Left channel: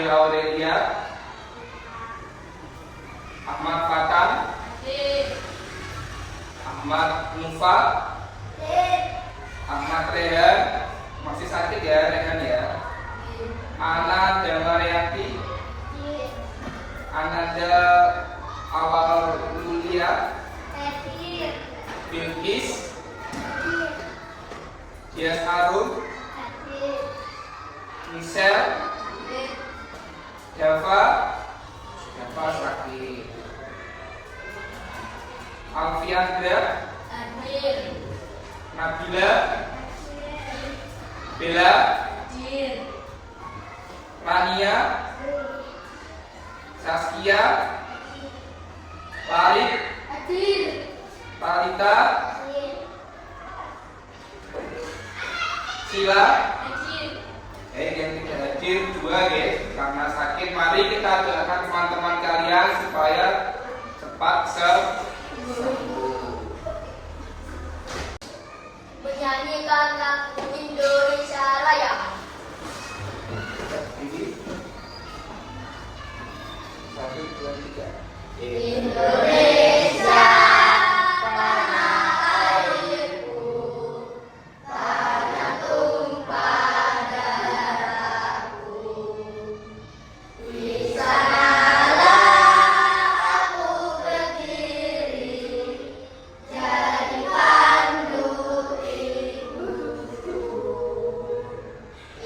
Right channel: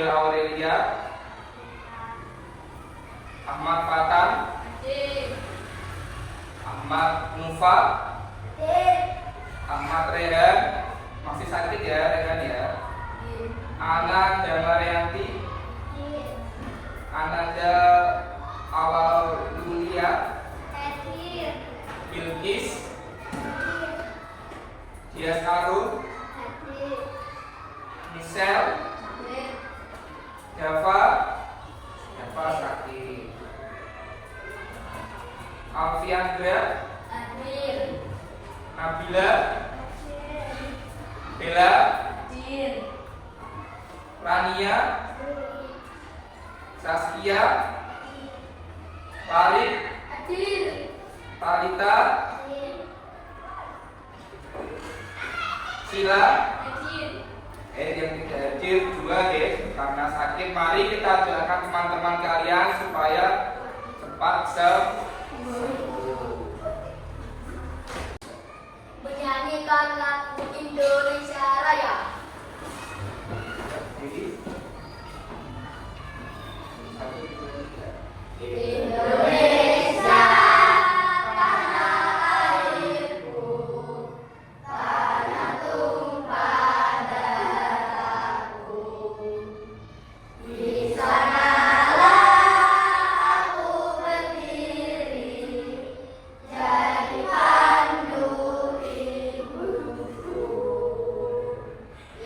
Abel Aurelia, Ahmad Fatan, Ahmad Nufa, Ahmad Rehan, masih sakit ya Rehan ya. Ana Damarianti, Ananda Awal Mulia, Bilkis, Dias Arun, Michelle, Java sakit, Alfiandra, Nabila, Bella, Rania, Saskia, Farid, Talita, Sila, yang tidak hadir dua guys karena sakit. Mari kita doakan teman-teman kalian supaya cepat sembuh. Menyanyikan lagu Indonesia Raya. Ini 1, 2, 3. Indonesia tanah airku, tanah tumpah darahku. Di sanalah aku berdiri, jadi pandu ibuku.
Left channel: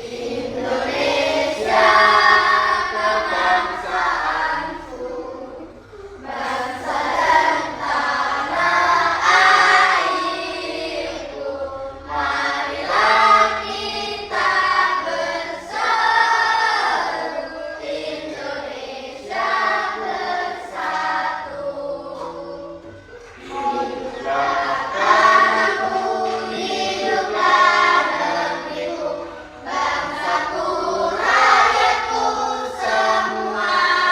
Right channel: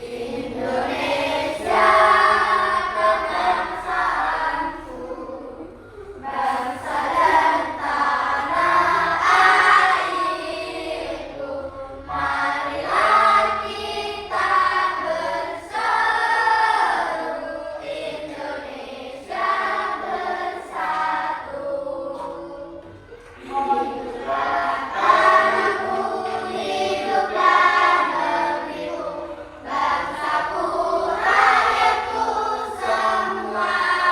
Indonesia kebangsaanku, bangsa dan tanah airku. Marilah kita berseru, Indonesia bersatu. Hiduplah tanahku, hiduplah negeriku, bangsaku, rakyatku semuanya.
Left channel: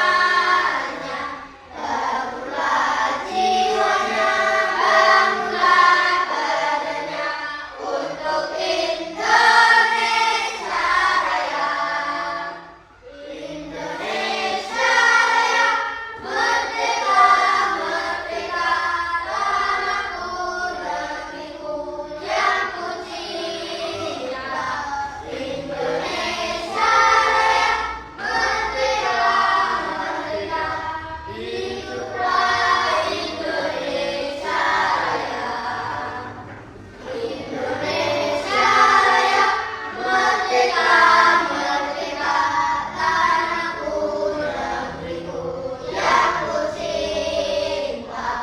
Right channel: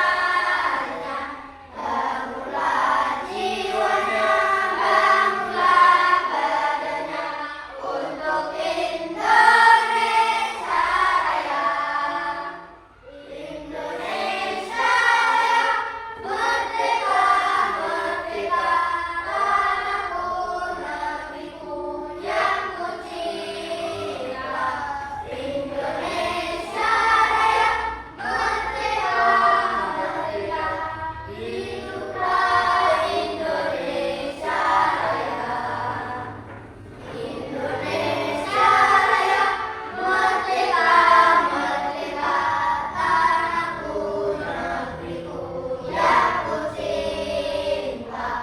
Bangunlah jiwanya, bangunlah badannya untuk Indonesia Raya. Indonesia Raya, merdeka, merdeka, tanahku, negeriku yang ku cinta. Indonesia Raya, merdeka, merdeka, hiduplah Indonesia Raya. Indonesia Raya, merdeka, merdeka, tanahku, negeriku yang ku cinta.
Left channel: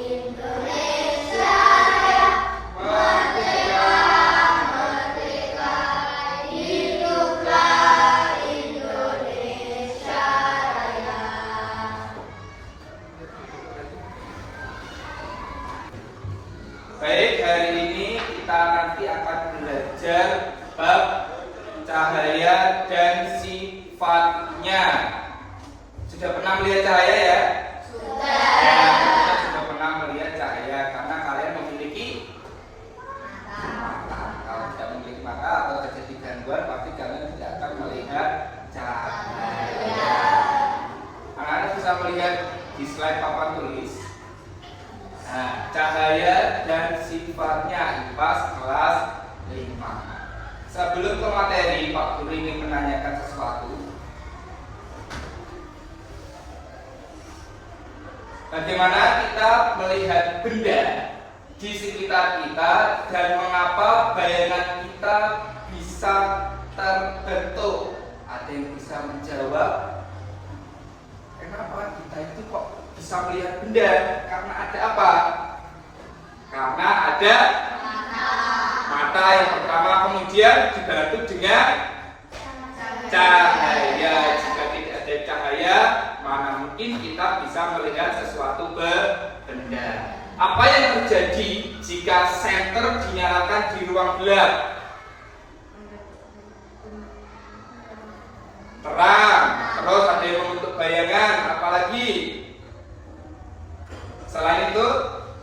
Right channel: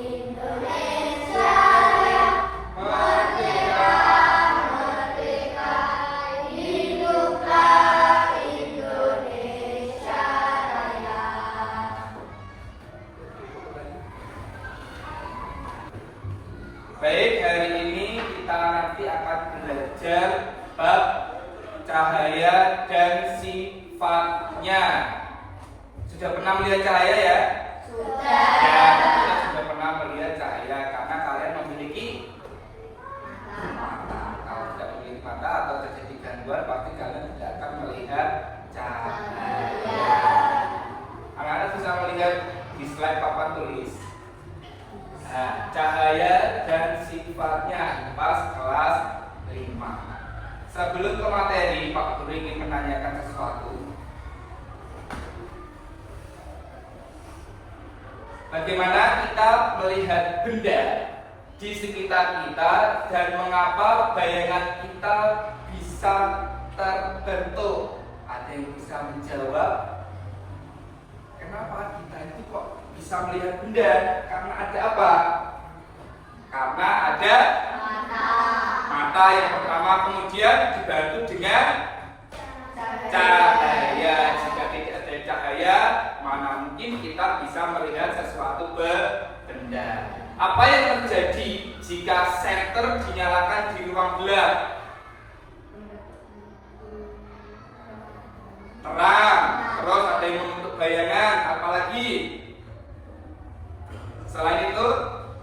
Indonesia Raya, merdeka, merdeka, hiduplah Indonesia Raya. Baik, hari ini kita nanti akan belajar bab cahaya dan sifatnya. Sudah pernah melihat cahaya ya? Sudah. Sudah pernah melihat cahaya karena kalian memiliki mata. Kalau tidak memiliki mata atau terjadi gangguan, pasti kalian tidak akan melihat cahaya. Anak-anak bisa melihat di slide papan tulis. Nah, cahaya dan sifatnya IPAS kelas 5. Sebelum ke materi, Pak Guru ingin menanyakan sesuatu. Bagaimana kita melihat benda di sekitar kita dan mengapa bayangan kita bisa terbentuk? Ada yang bisa menjawab? Kenapa kita itu kok bisa melihat benda? Karena ada apa? Karena ada mata yang pertama, kemudian dibantu dengan cahaya. Jika tidak ada cahaya, mana mungkin kita bisa melihat sesuatu benda. Apa yang terjadi jika senter dinyalakan di ruang gelap? Terang, terus ada yang membentuk bayangan, apalagi? Selain itu,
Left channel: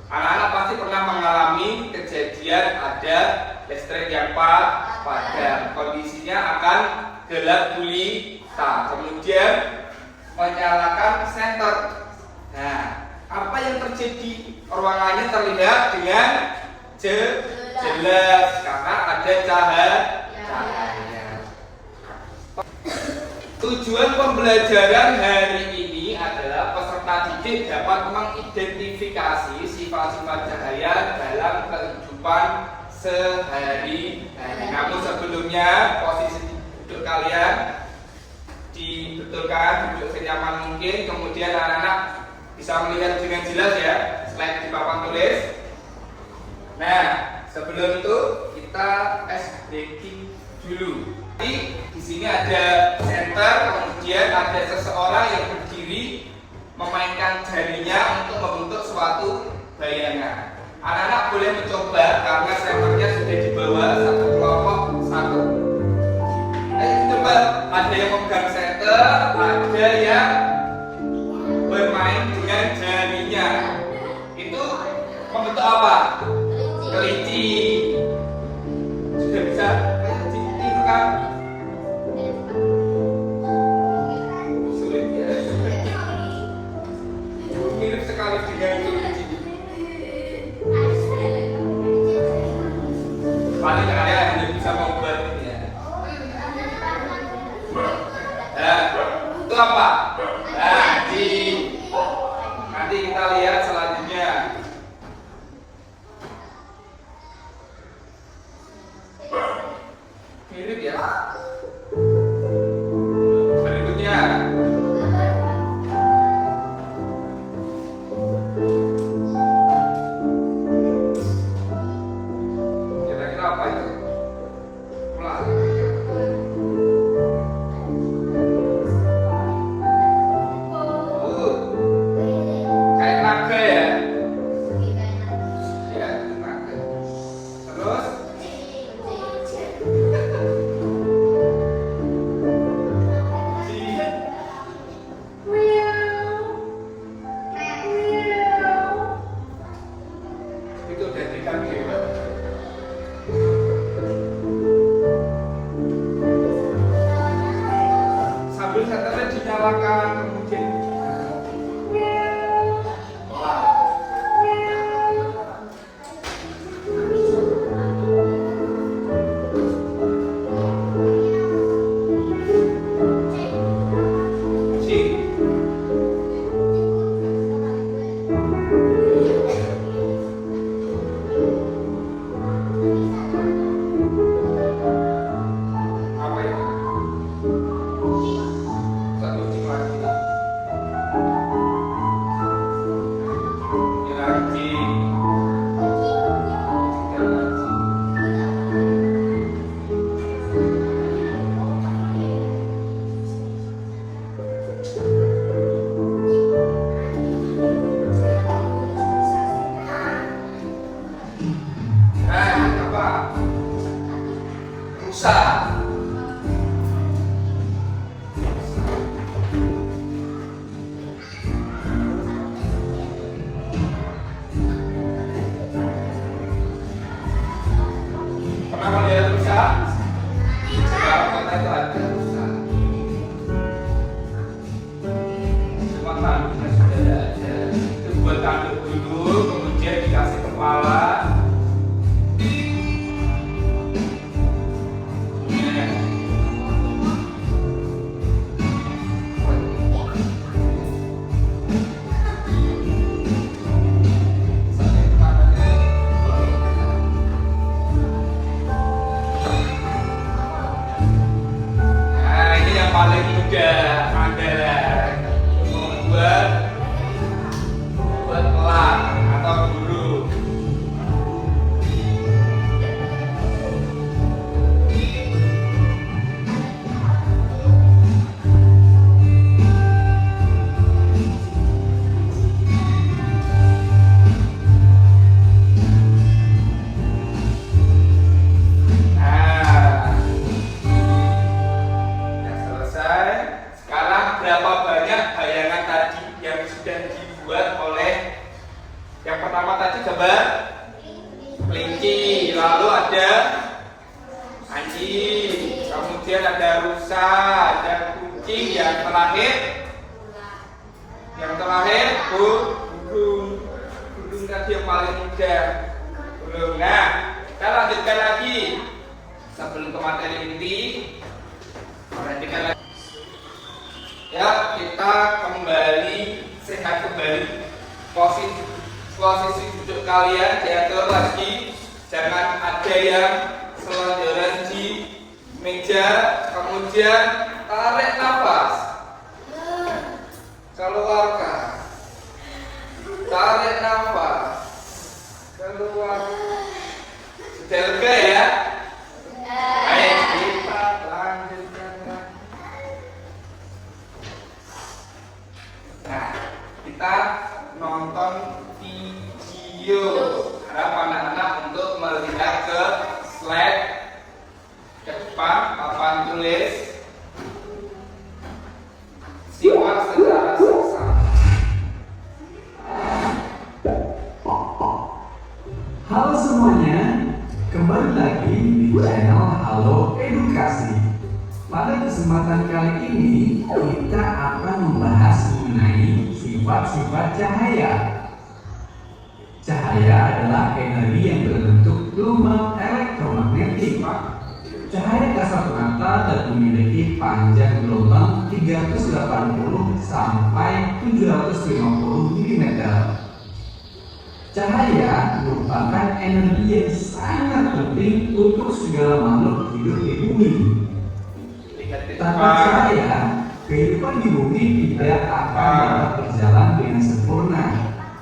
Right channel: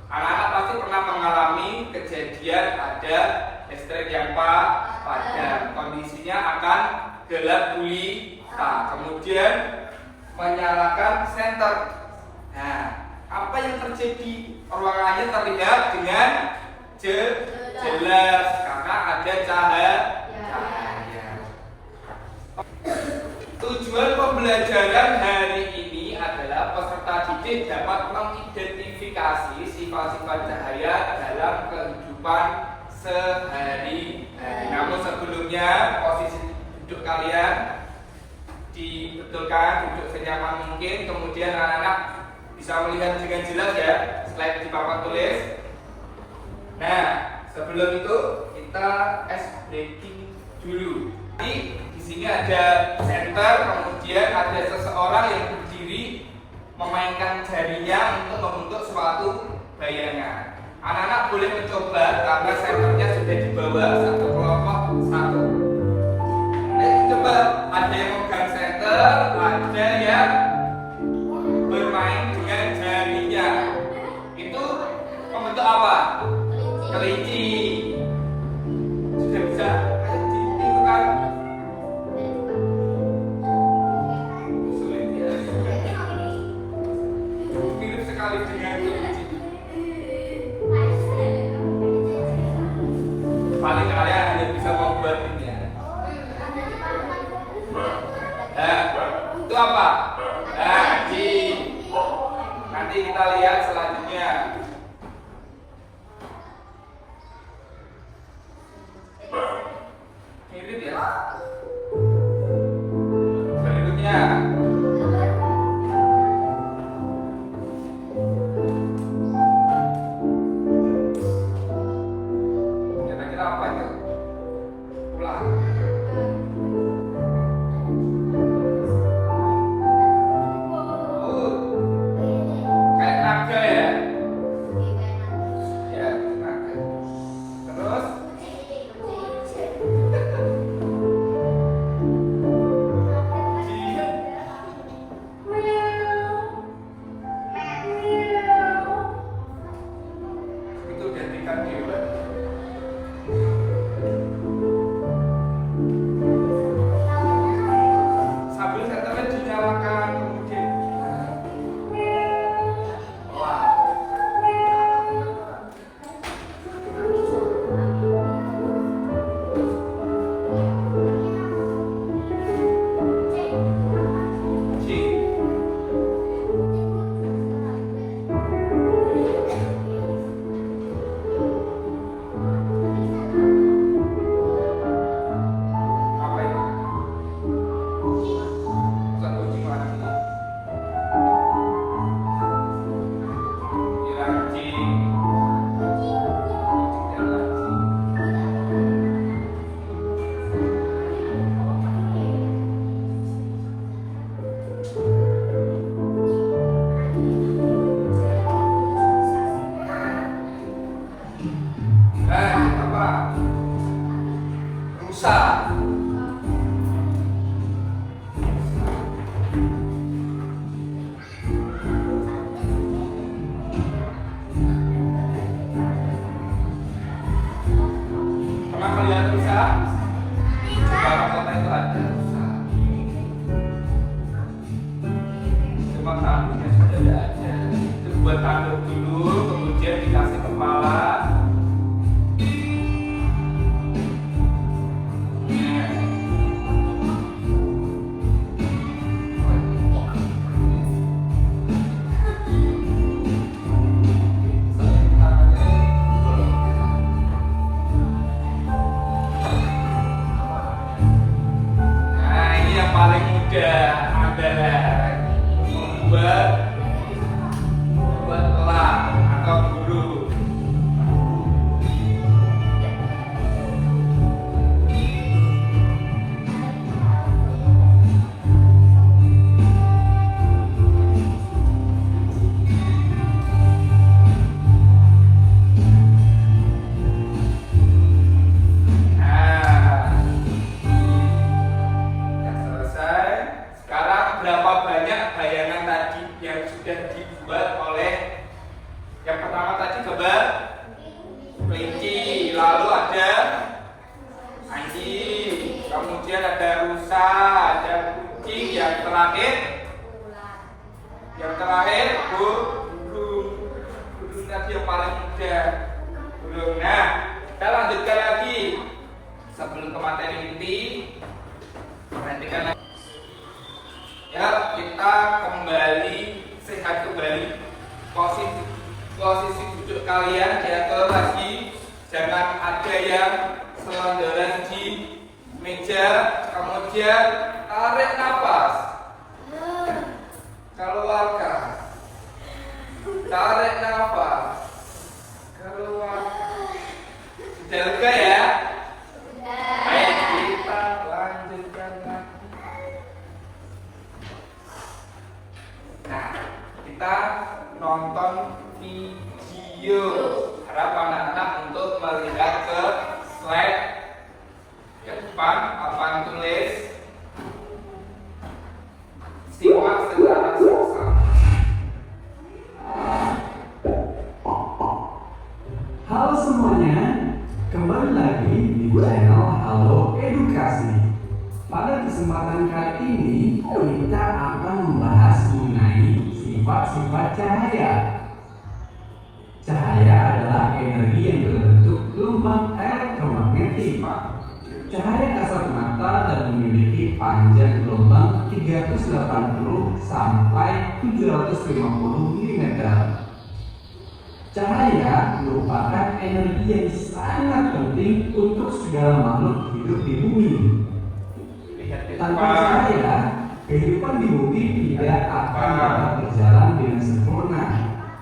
anak-anak pasti pernah mengalami kejadian ada listrik yang padam. Kondisinya akan gelap gulita. Kemudian ada cahaya. Tujuan pembelajaran hari ini adalah peserta didik dapat mengidentifikasi sifat-sifat cahaya dalam kehidupan sehari-hari. Namun sebelumnya posisi duduk kalian dibetulkan, duduk senyaman mungkin. Kemudian anak-anak bisa melihat dengan jelas ya slide di papan tulis. Nah, sebelum itu kita ice breaking dulu. Di sini ada center, kemudian ada seseorang yang berdiri memainkan jarinya untuk membentuk suatu bayangan. Anak-anak boleh mencoba karena senternya sudah di bawah satu kelompok satu. Ayo coba, ada yang memegang center, ada yang bermain dengan jarinya. Itu membentuk apa? Kelinci. Sudah bisa kelinci itu kan? Sulit ya. Mirip sekali dengan kelinci. Paling kaya hanya bisa membuat ini ya. Itu apa? Nanti kita lihat selanjutnya. Mirip ya. Berikutnya. Kira-kira apa itu? Ulang. Kayak naga ya? Ya, naga. Terus? Itu udah tingkat hebat. Sambil senternya dinyalakan, kemudian apa itu? Satu kucing lagi. Ini lagi. Kucingnya lagi. Ini apa? Rusa. Pernah melihat rusa? Sekarang kota itu ada rusa. Cuma tanduknya sudah tidak ada. Itu buat tanduk dulu, kemudian dikasih kepala. Nah, ini yang paling mudah adalah membuat elang atau burung. Nah, sudah selesai. Sekarang berapa banyak bayangan tadi yang sudah dibuat oleh yang pertama tadi gambar kelinci, lalu ada anjing, kemudian ada rusa, ada kucing, yang terakhir burung tadi yang paling mudah. Burung. Nah, kita lanjutkan lagi. sebelum ke materi inti, perhatikan ya, kita kembali sehat kembali. Posisi duduk kalian diatur lagi, jangan ada yang selonjoran di meja. Kemudian tarik nafas, keluarkan, tarik nafas, keluar. Sudah lega ya? Ayo kita lanjutkan lagi. Nah, kita nonton video. Harapan anak-anak untuk melihat ke slide ke depan, papan tulis. Simak secara seksama. Halo semuanya, kembali lagi di channel Halo Edukasi. Pada kesempatan kali ini kita akan membahas mengenai sifat-sifat cahaya. Cahaya adalah energi yang berbentuk gelombang elektromagnetik. Cahaya kasat mata dapat memiliki panjang gelombang 380 sampai 750 mm. Cahaya merupakan energi yang sangat penting untuk segala makhluk hidup di bumi. Tanpa cahaya, kehidupan di bumi tidak akan dapat berjalan dengan sempurna,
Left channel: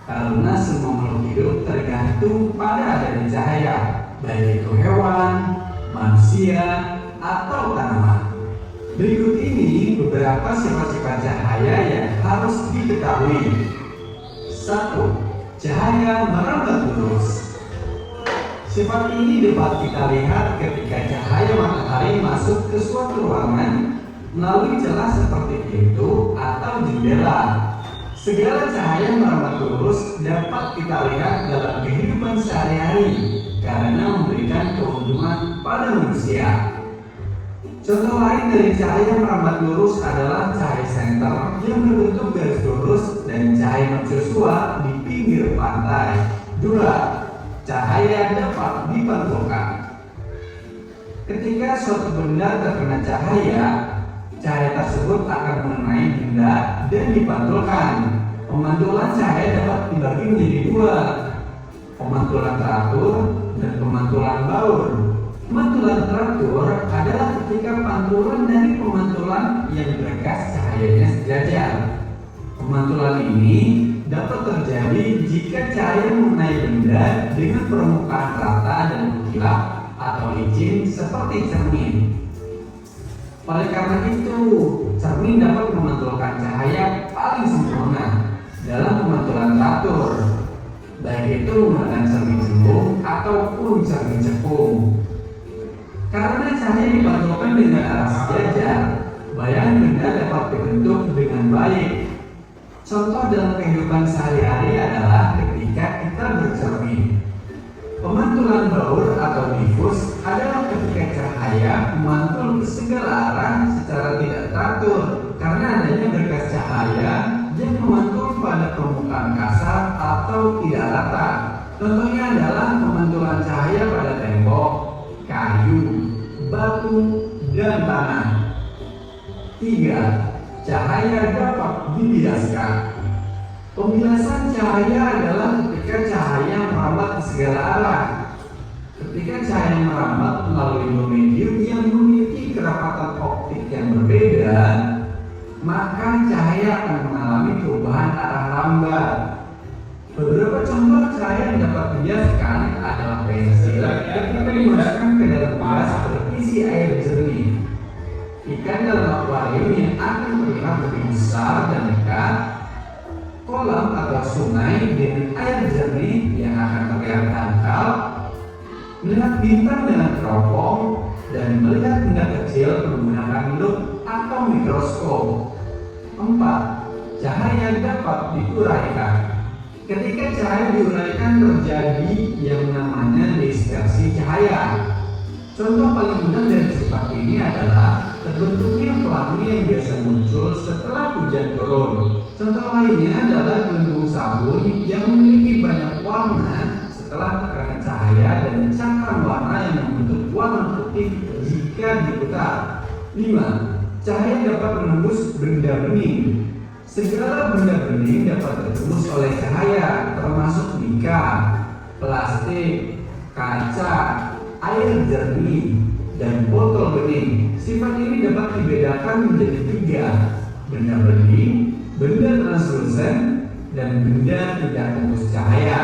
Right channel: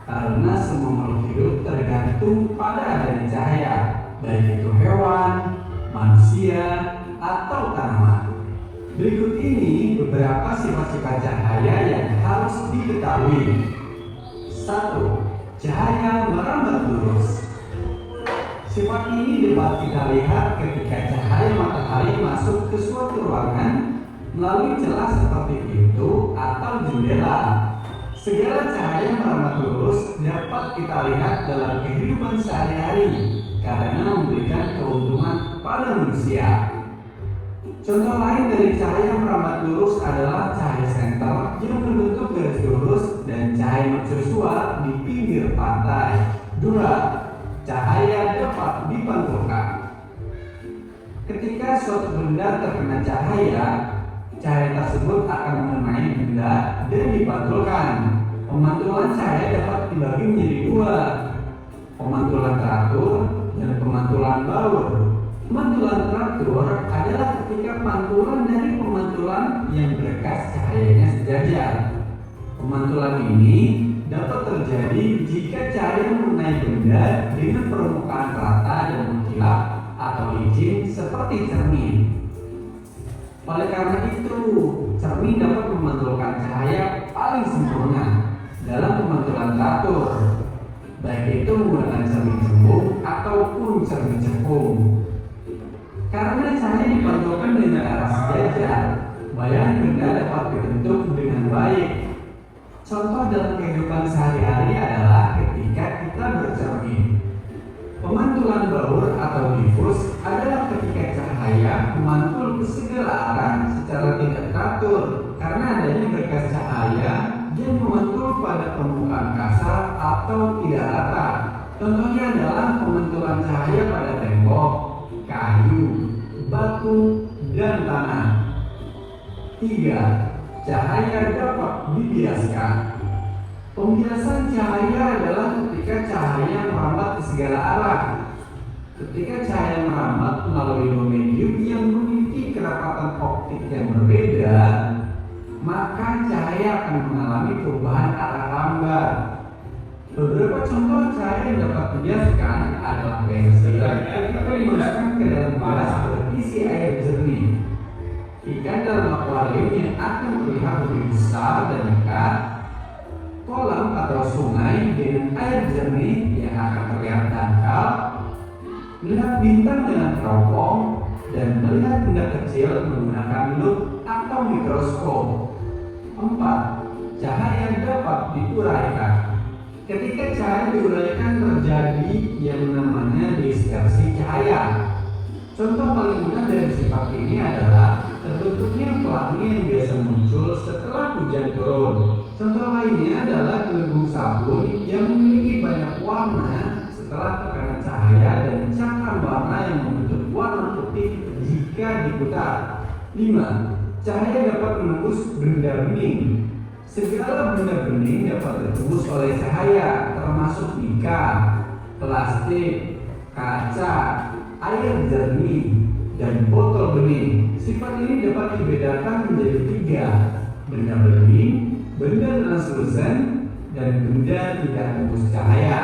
karena semua makhluk hidup tergantung pada adanya cahaya, baik itu hewan, manusia, atau tanaman. Berikut ini beberapa sifat-sifat cahaya yang harus diketahui. 1. Cahaya merambat lurus. Sifat ini dapat kita lihat ketika cahaya matahari masuk ke suatu ruangan melalui celah seperti pintu atau jendela. Segala cahaya merambat lurus dapat kita lihat dalam kehidupan sehari-hari karena memberikan keuntungan pada manusia. Contoh lain dari cahaya merambat lurus adalah cahaya senter yang berbentuk garis lurus dan cahaya mercusuar di pinggir pantai. 2. Cahaya dapat dipantulkan. Ketika suatu benda terkena cahaya, cahaya tersebut akan mengenai benda dan dipantulkan. Pemantulan cahaya dapat dibagi menjadi 2, pemantulan teratur dan pemantulan baur. Pemantulan teratur adalah ketika pantulan dari pemantulan yang berkas cahayanya sejajar. Pemantulan ini dapat terjadi jika cahaya mengenai benda dengan permukaan rata dan mengkilap atau licin seperti cermin. Oleh karena itu, cermin dapat memantulkan cahaya paling sempurna dalam pemantulan teratur, baik itu menggunakan cermin cembung ataupun cermin cekung. Karena cahaya dipantulkan dengan arah sejajar, bayang benda dapat dibentuk dengan baik. Contoh dalam kehidupan sehari-hari adalah ketika kita bercermin. Pemantulan baur atau difus adalah ketika cahaya memantul ke segala arah secara tidak teratur karena adanya berkas cahaya yang memantul pada permukaan kasar atau tidak rata. Contohnya adalah pemantulan cahaya pada tembok, kayu, batu, dan tanah. 3. Cahaya dapat dibiaskan. Pembiasan cahaya adalah ketika cahaya merambat ke segala arah. Ketika cahaya merambat melalui medium yang memiliki kerapatan optik yang berbeda, maka cahaya akan mengalami perubahan arah lambat. Beberapa contoh cahaya yang dapat dibiaskan adalah pensil ketika dimasukkan ke dalam gelas berisi air jernih, ikan dalam akuarium yang akan terlihat lebih besar dan dekat, kolam atau sungai dengan air jernih yang akan terlihat dangkal, melihat bintang dengan teropong, dan melihat benda kecil menggunakan lup atau mikroskop. 4. Cahaya dapat diuraikan. Ketika cahaya diuraikan terjadi yang namanya dispersi cahaya. Contoh paling mudah dari sifat ini adalah terbentuknya pelangi yang biasa muncul setelah hujan turun. Contoh lainnya adalah gelembung sabun yang memiliki banyak warna setelah terkena cahaya dan cakram warna yang membentuk warna putih diputar. 5. Cahaya dapat menembus benda bening. Segala benda bening dapat ditembus oleh cahaya, termasuk bingka, plastik, kaca, air jernih, dan botol bening. Sifat ini dapat dibedakan menjadi 3: benda bening, benda translusen, dan benda tidak tembus cahaya.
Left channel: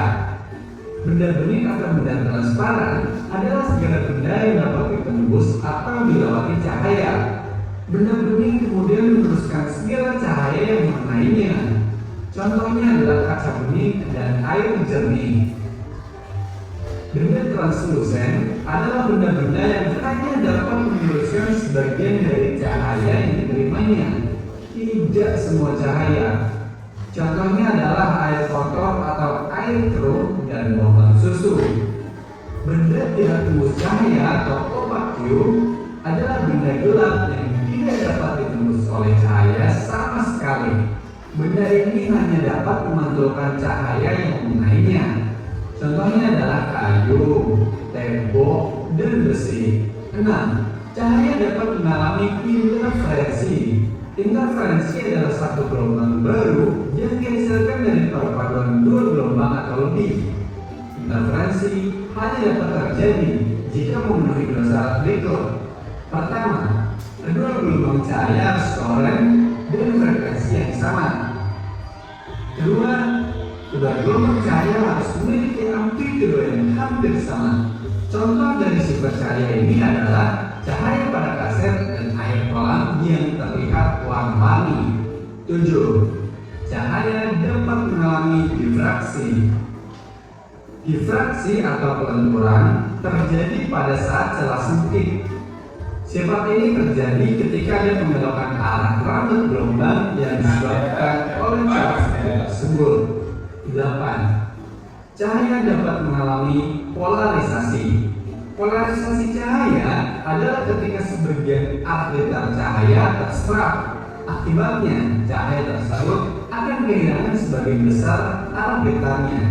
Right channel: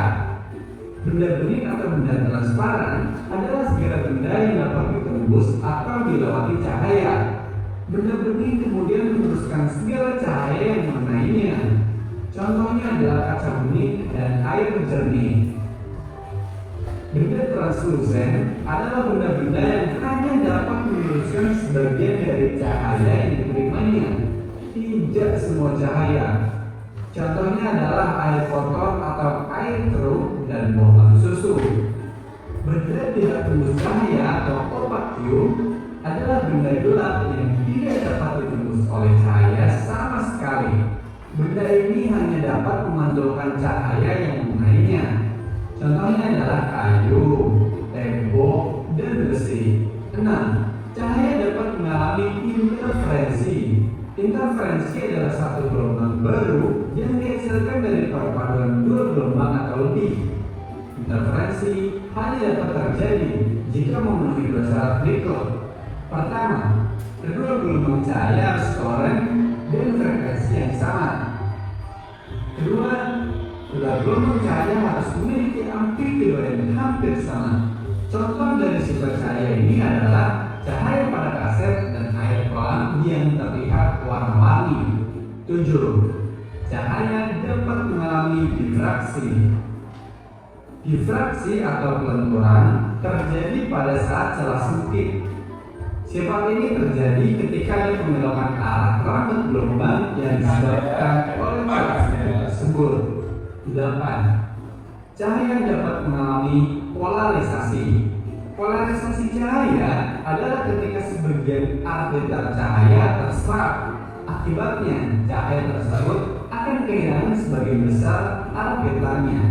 Benda bening atau benda transparan adalah segala benda yang dapat ditembus atau dilewati cahaya. Benda bening kemudian menembuskan segala cahaya yang mengenainya. Contohnya adalah kaca bening dan air jernih. Benda translusen adalah benda-benda yang hanya dapat menyuluskan sebagian dari cahaya yang diterimanya, tidak semua cahaya. Contohnya adalah air kotor atau air keruh dan bohong susu. Benda tidak tembus cahaya atau opaque adalah benda gelap yang tidak dapat ditembus oleh cahaya sama sekali. Benda ini hanya dapat memantulkan cahaya yang mengenainya. Contohnya adalah kayu, tembok, dan besi. 6. Cahaya dapat mengalami interferensi. Interferensi adalah satu gelombang baru yang dihasilkan dari perpaduan dua gelombang atau lebih. Interferensi hanya dapat terjadi jika memenuhi dua syarat berikut. Pertama, kedua gelombang cahaya harus koreng dan frekuensi yang sama. Kedua, kedua gelombang cahaya harus memiliki amplitudo yang hampir sama. Contoh dari sifat cahaya ini adalah cahaya pada kaset dan air kolam yang terlihat warna-warni. 7. Cahaya dapat mengalami difraksi. Difraksi atau pelenturan terjadi pada saat celah sempit. Sifat ini terjadi ketika ada pembelokan arah rambut gelombang yang disebabkan oleh celah sempit tersebut. 8. Cahaya dapat mengalami polarisasi. Polarisasi cahaya adalah ketika sebagian arbitar cahaya terserap. Akibatnya, cahaya tersebut akan kehilangan sebagian besar arbitarnya.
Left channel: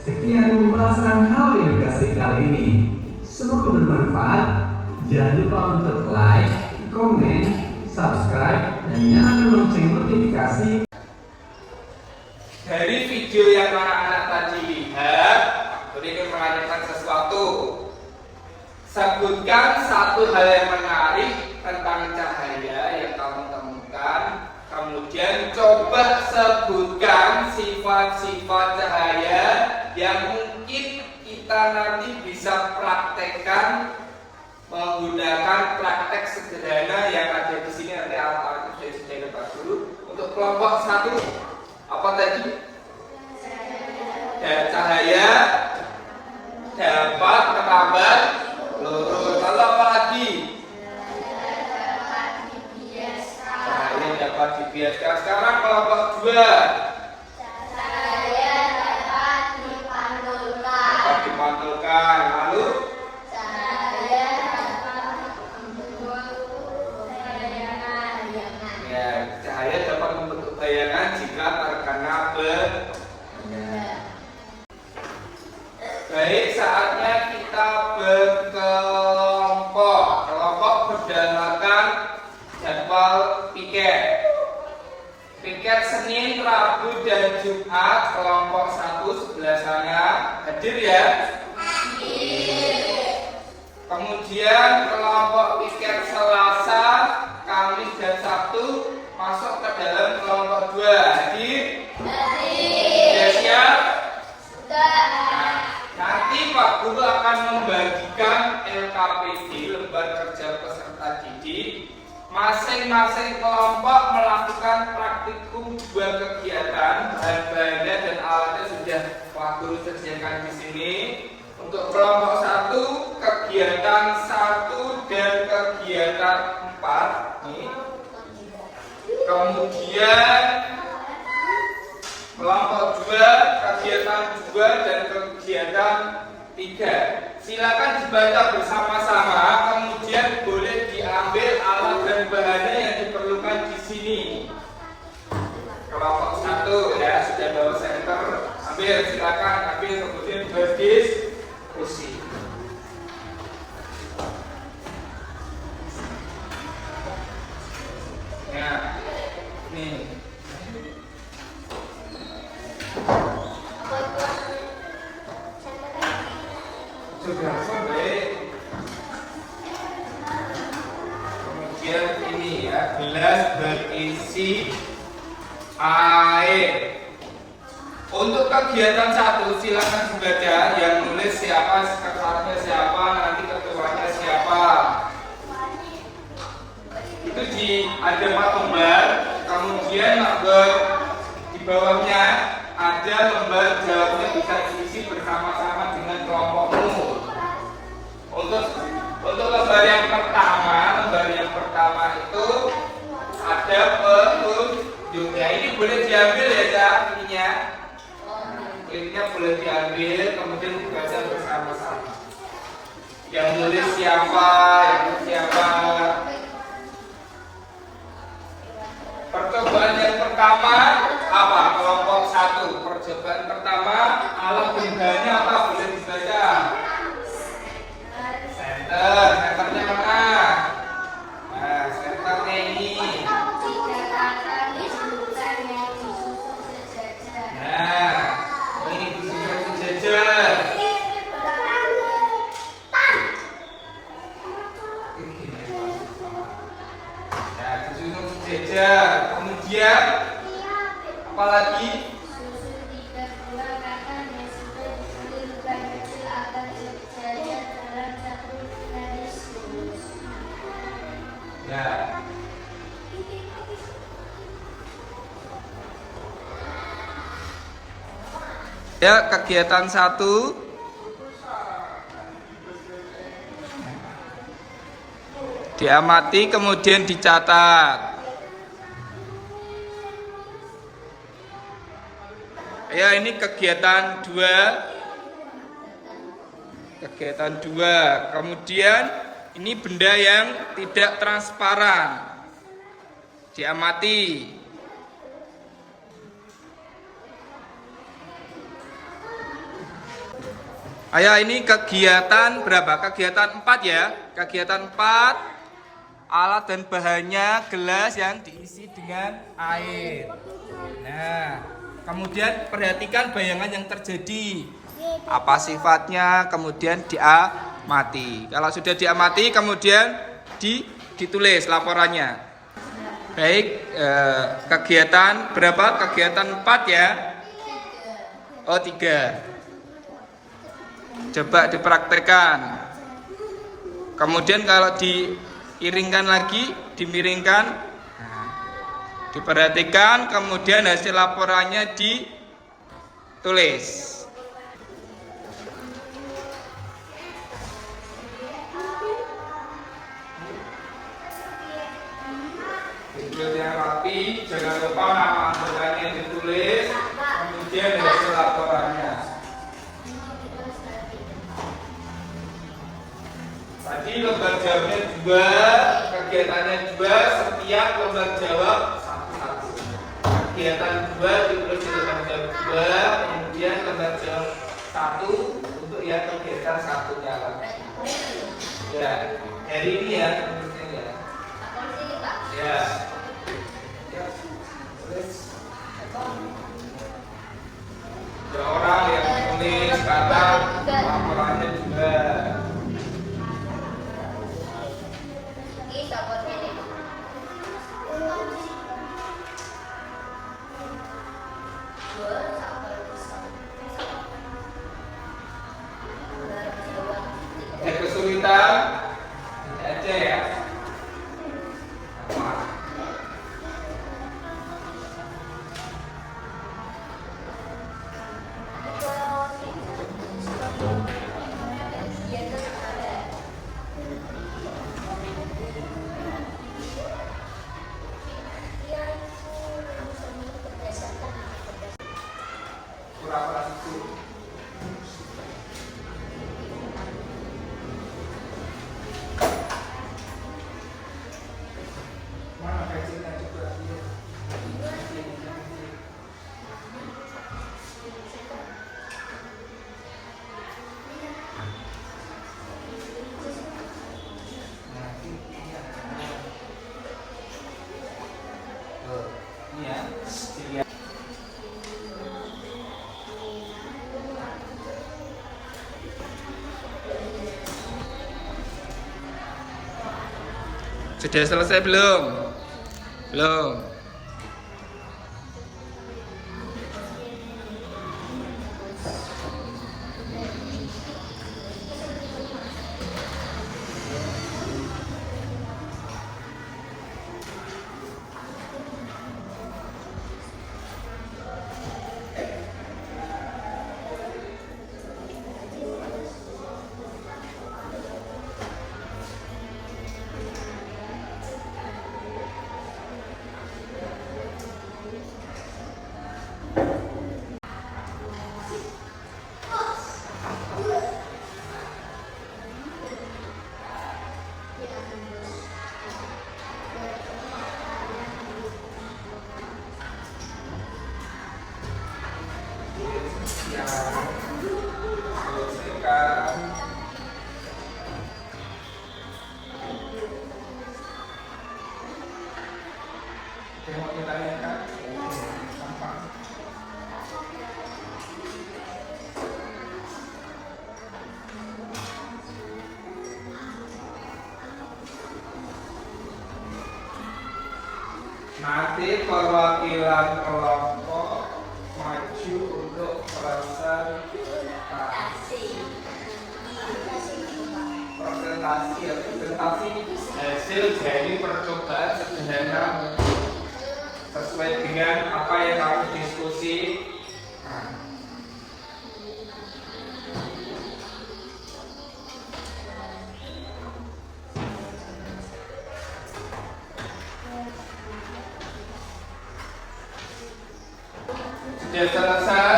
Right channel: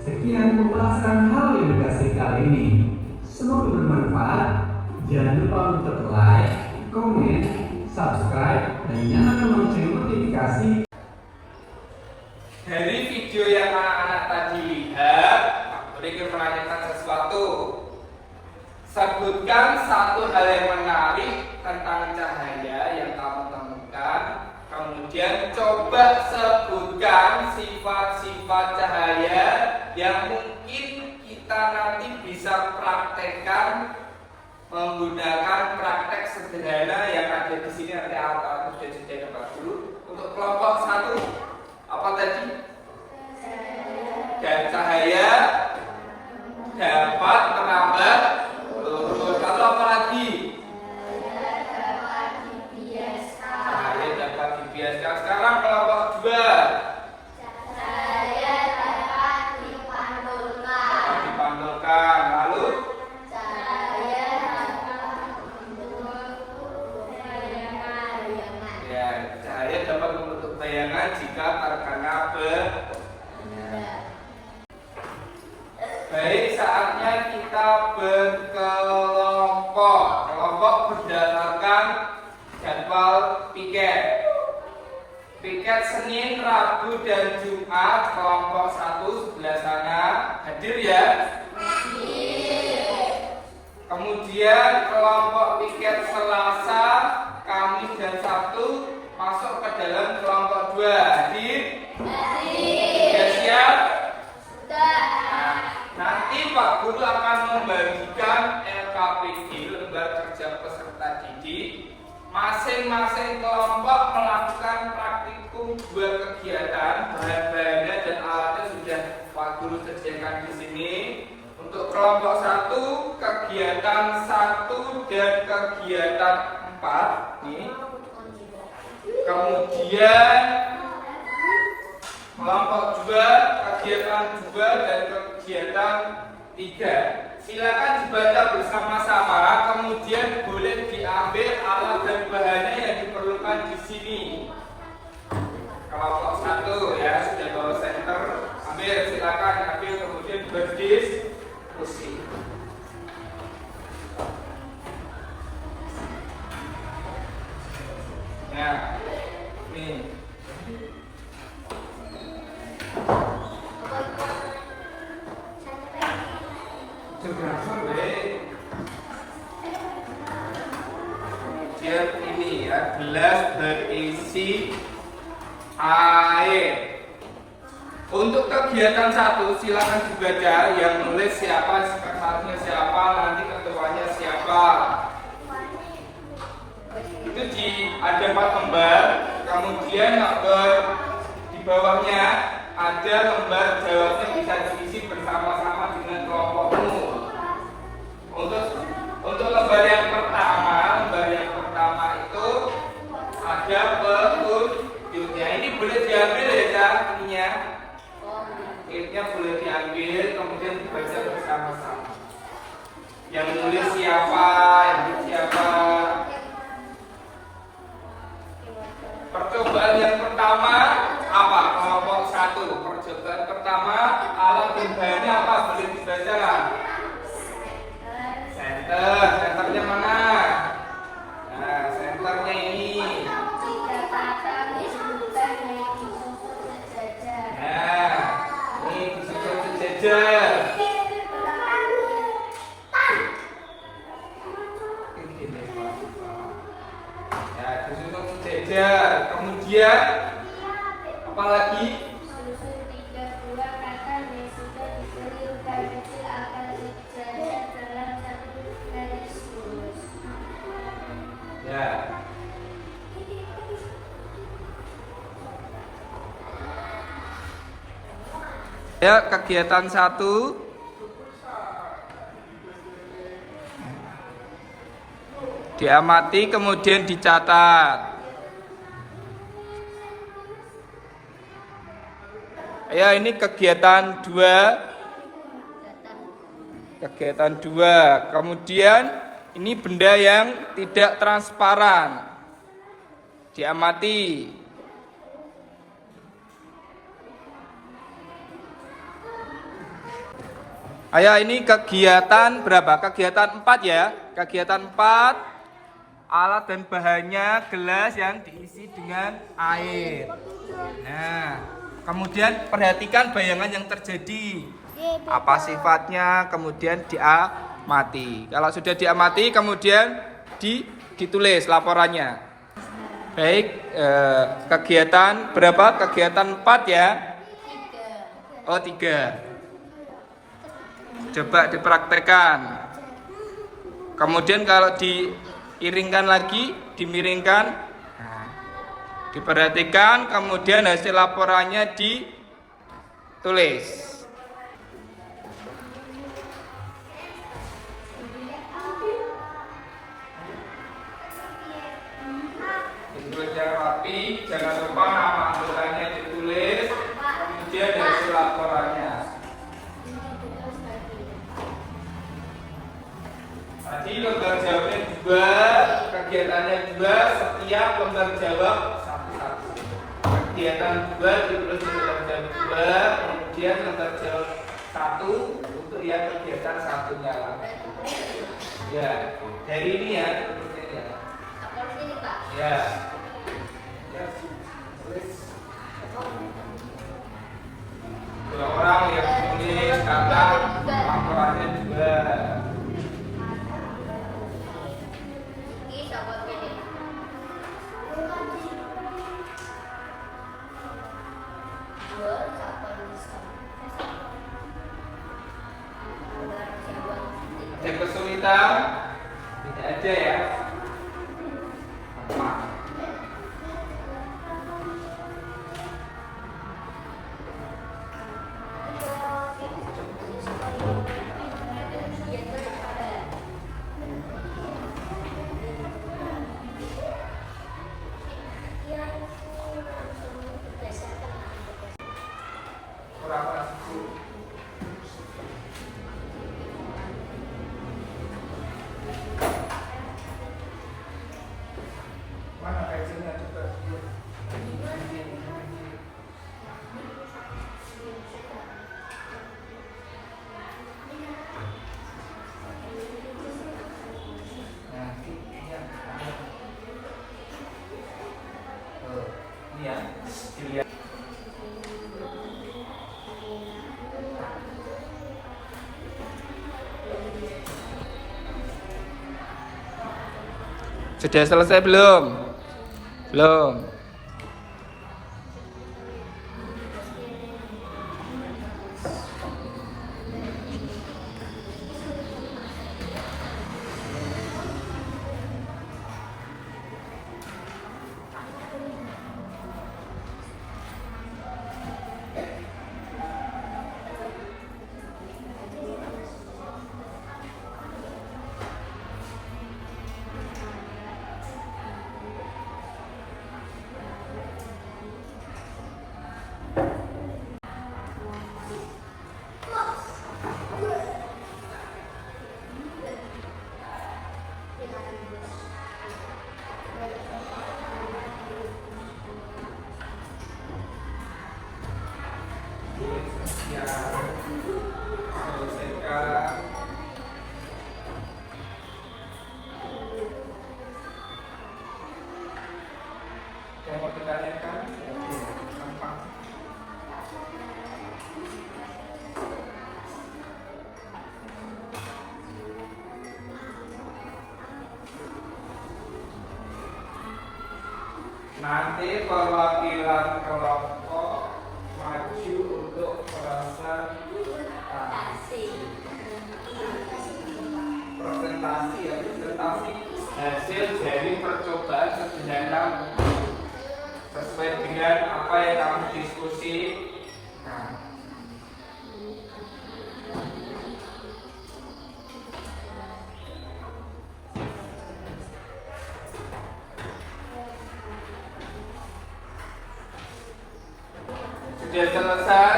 Sekian pembahasan hal edukasi kali ini. Semoga bermanfaat. Jangan lupa untuk like, komen, subscribe, dan nyalakan lonceng notifikasi. Dari video yang anak-anak tadi lihat, mereka menanyakan sesuatu. Sebutkan satu hal yang menarik tentang cahaya yang kamu temukan. Kemudian coba sebutkan sifat-sifat cahaya yang mungkin kita nanti bisa praktekkan menggunakan praktek sederhana yang ada di sini. Nanti alat-alatnya sudah disediakan Pak Guru. Untuk kelompok 1, apa tadi? Dan cahaya dapat merambat peluru. Lalu apa lagi? Cahaya dapat dibiaskan. Sekarang kelompok 2. Cahaya dapat dipantulkan. Dapat dipantulkan. Lalu Cahaya dapat membentuk bayangan-bayangan. ya, cahaya dapat membentuk bayangan jika terkena benda. Baik, saatnya kita berkelompok. Kelompok berdasarkan jadwal piket. Piket Senin, Rabu, dan Jumat. Kelompok 1 sebelah sana. Hadir ya? Kemudian kelompok piket Selasa, Kamis, dan Sabtu masuk ke dalam kelompok 2. Hadir? Sudah siap? Nanti Pak Guru akan membagikan LKPD, lembar kerja peserta didik. Masing-masing kelompok melakukan praktikum 2 kegiatan. Bahan-bahannya dan alatnya sudah Pak Guru sediakan di sini. Untuk kelompok 1, kegiatan 1 dan kegiatan 4 nih. Kemudian kelompok 2, kegiatan 2 dan kegiatan 3. Silakan dibaca bersama-sama, kemudian boleh diambil alat dan bahannya yang diperlukan di sini. Kelompok 1 ya, sudah bawa center, ambil, silakan ambil, kemudian berdiskusi. kemudian ini ya, gelas berisi air. Untuk kegiatan 1 silakan dibaca, yang nulis siapa, sekretarisnya siapa, nanti ketuanya siapa. Itu ada 4 lembar, kemudian lembar di bawahnya ada lembar jawabnya, bisa diisi bersama-sama dengan kelompokmu. Untuk lembar yang pertama itu ada petunjuknya. Ini boleh diambil ya, Cak, ininya. Kulitnya boleh diambil, kemudian dibaca bersama-sama. Yang nulis siapa, Percobaan yang pertama apa? Kelompok 1. Percobaan pertama, alat bengganya apa? Boleh dibaca. Senternya mana? Nah, senternya ini. Nah, ini disusun sejajar. Nah, disusun sejajar. Kemudian apa lagi? Susun 3 buah kacang yang sudah diberi lubang kecil agar berjajar dalam satu garis lurus. Ya. Ya, kegiatan 1 diamati kemudian dicatat. Ya, ini kegiatan 2. Kemudian ini benda yang tidak transparan. Diamati. Ayo, ini kegiatan berapa? Kegiatan 4 ya. Kegiatan 4, alat dan bahannya gelas yang diisi dengan air. Nah, kemudian perhatikan bayangan yang terjadi. Apa sifatnya, kemudian diamati. Kalau sudah diamati, kemudian ditulis laporannya. Baik, kegiatan berapa? Kegiatan 4 ya. Oh, 3. Coba dipraktekkan. Kemudian kalau diiringkan lagi, dimiringkan, nah, diperhatikan, kemudian hasil laporannya ditulis. Ditulis yang rapi, jangan lupa nama anggotanya ditulis, kemudian hasil laporannya. Tadi lembar jawabnya 2, kegiatannya 2, setiap lembar jawab 1. Kegiatan 2 ditulis di lembar jawab 2, kemudian lembar jawab 1 untuk yang kegiatan 1-nya. Ya, dari ini ya. Ya. Ada orang yang menulis karena laporannya 2. Yang kesulitan ini aja ya. Sudah selesai belum? Belum. Ya, selesaikan. Yang mau ditanyakan? Gampang. Nanti perwakilan kelompok maju untuk presentasi hasil dari percobaan sederhana sesuai dengan apa yang kamu diskusikan. Sudah selesai?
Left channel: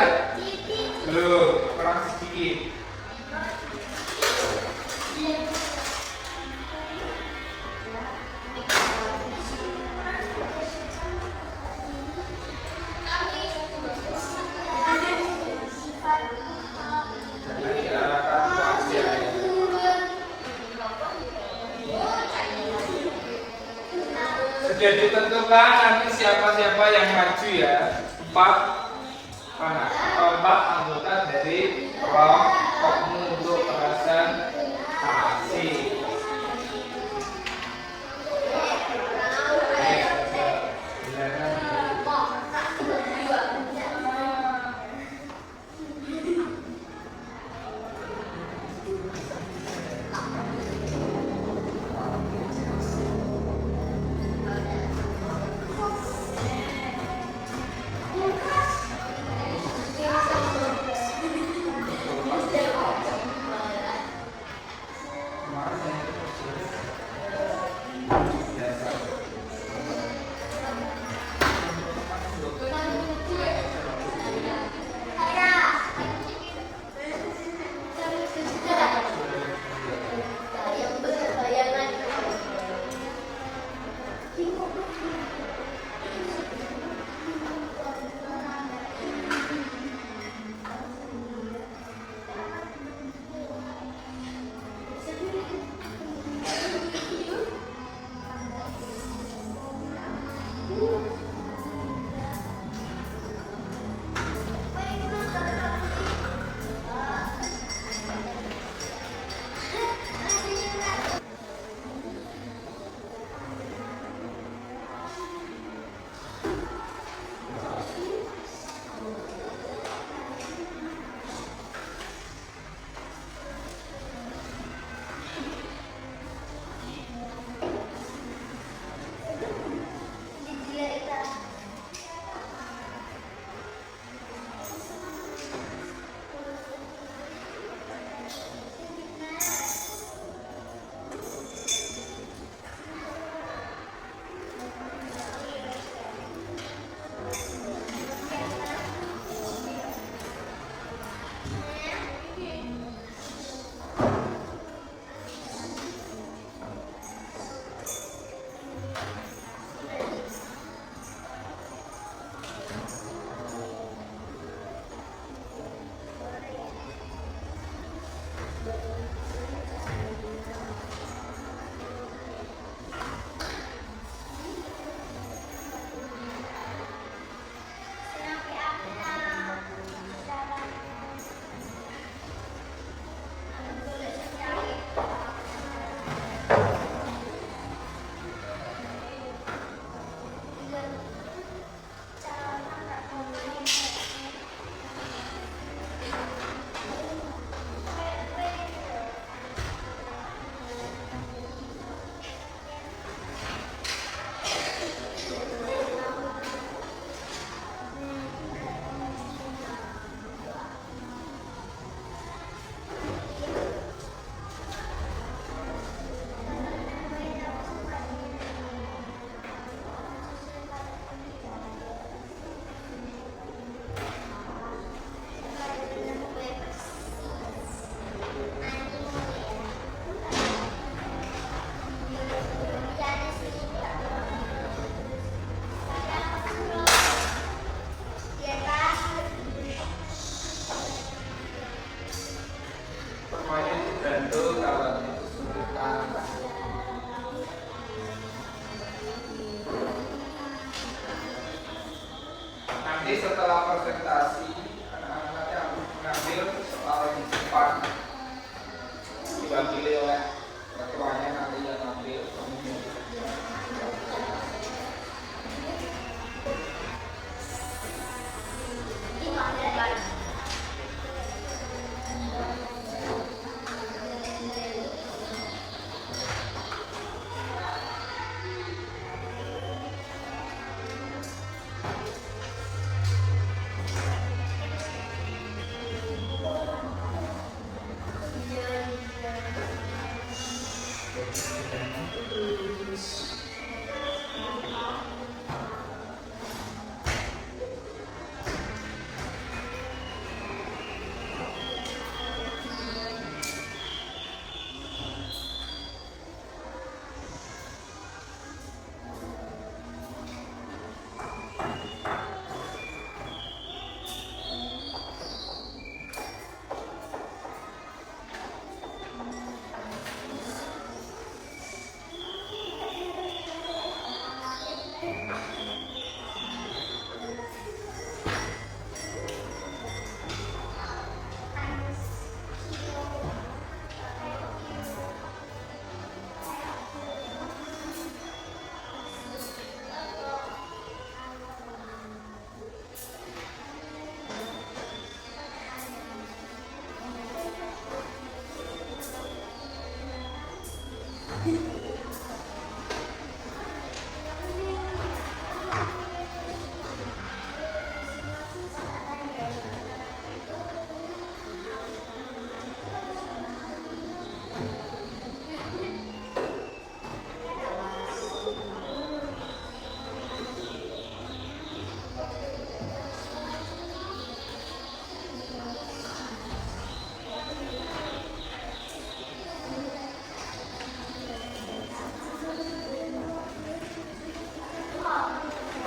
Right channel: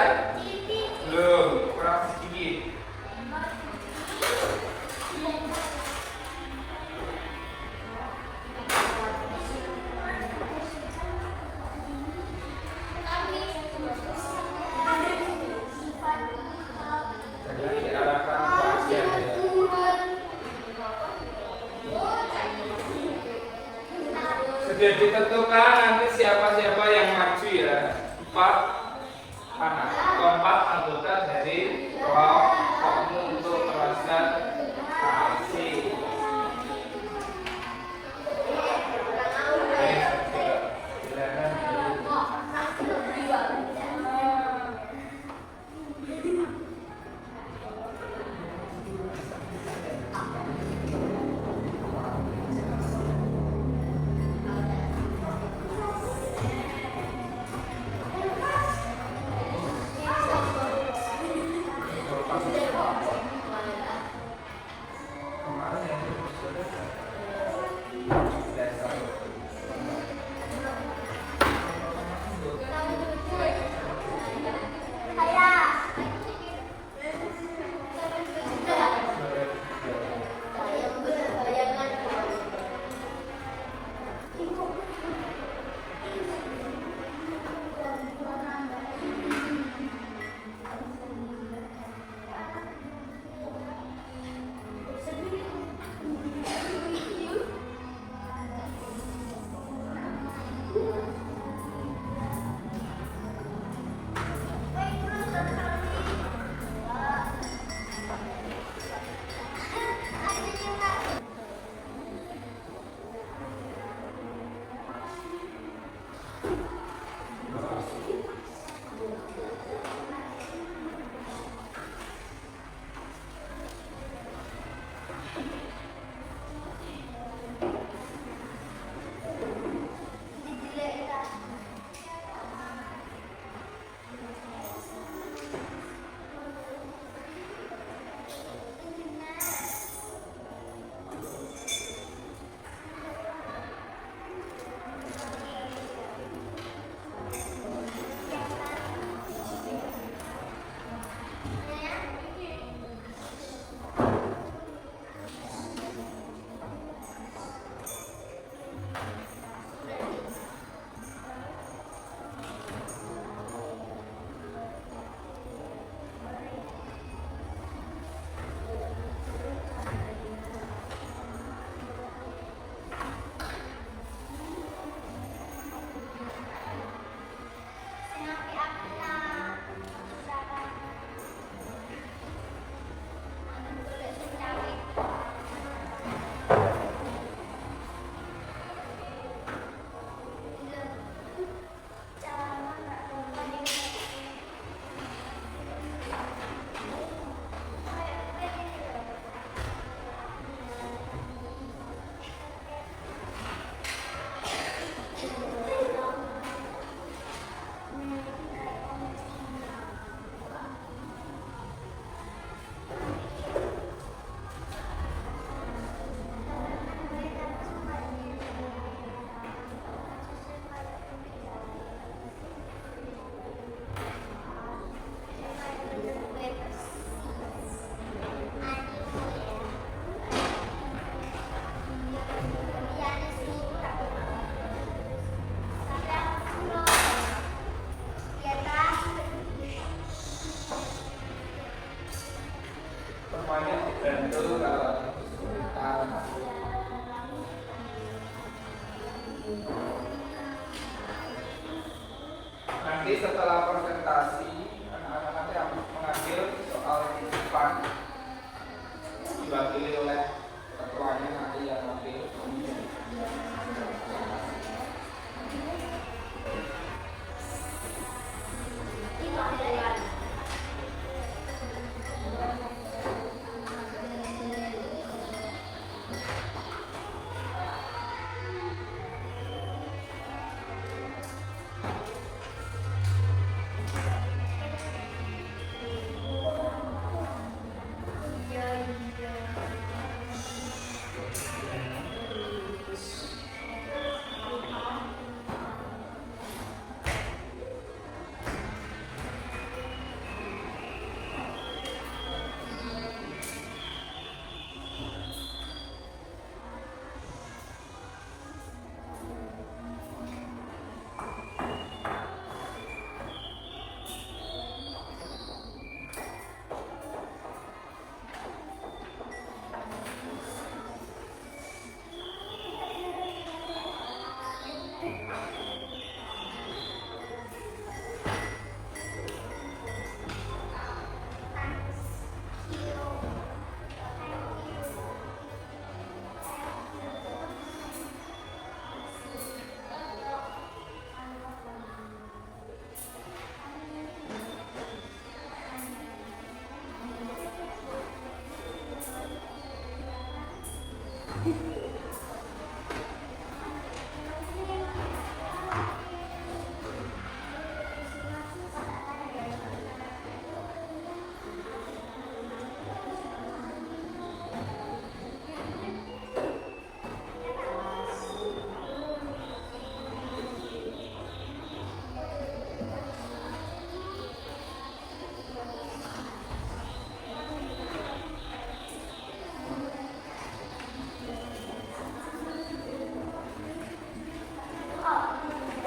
Belum, kurang sedikit. Sudah ditentukan nanti siapa-siapa yang maju ya. 4 anggota dari kelompokmu untuk presentasi. Nanti setelah presentasi, anak-anak nanti yang mengambil soal titipan diwakili oleh ketuanya nanti yang mengambil.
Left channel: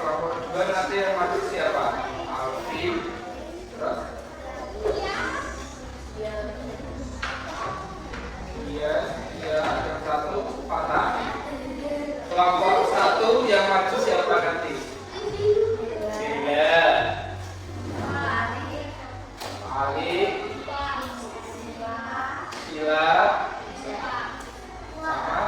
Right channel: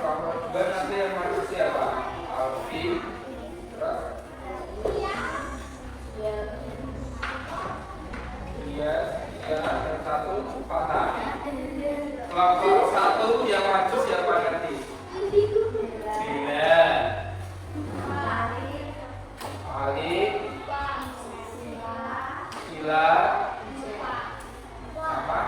Kelompok 2 nanti yang maju siapa? Alfi, terus? Iya, dan satu patah. Kelompok 1 yang maju siapa nanti? Bila, Ali, Sila, sama.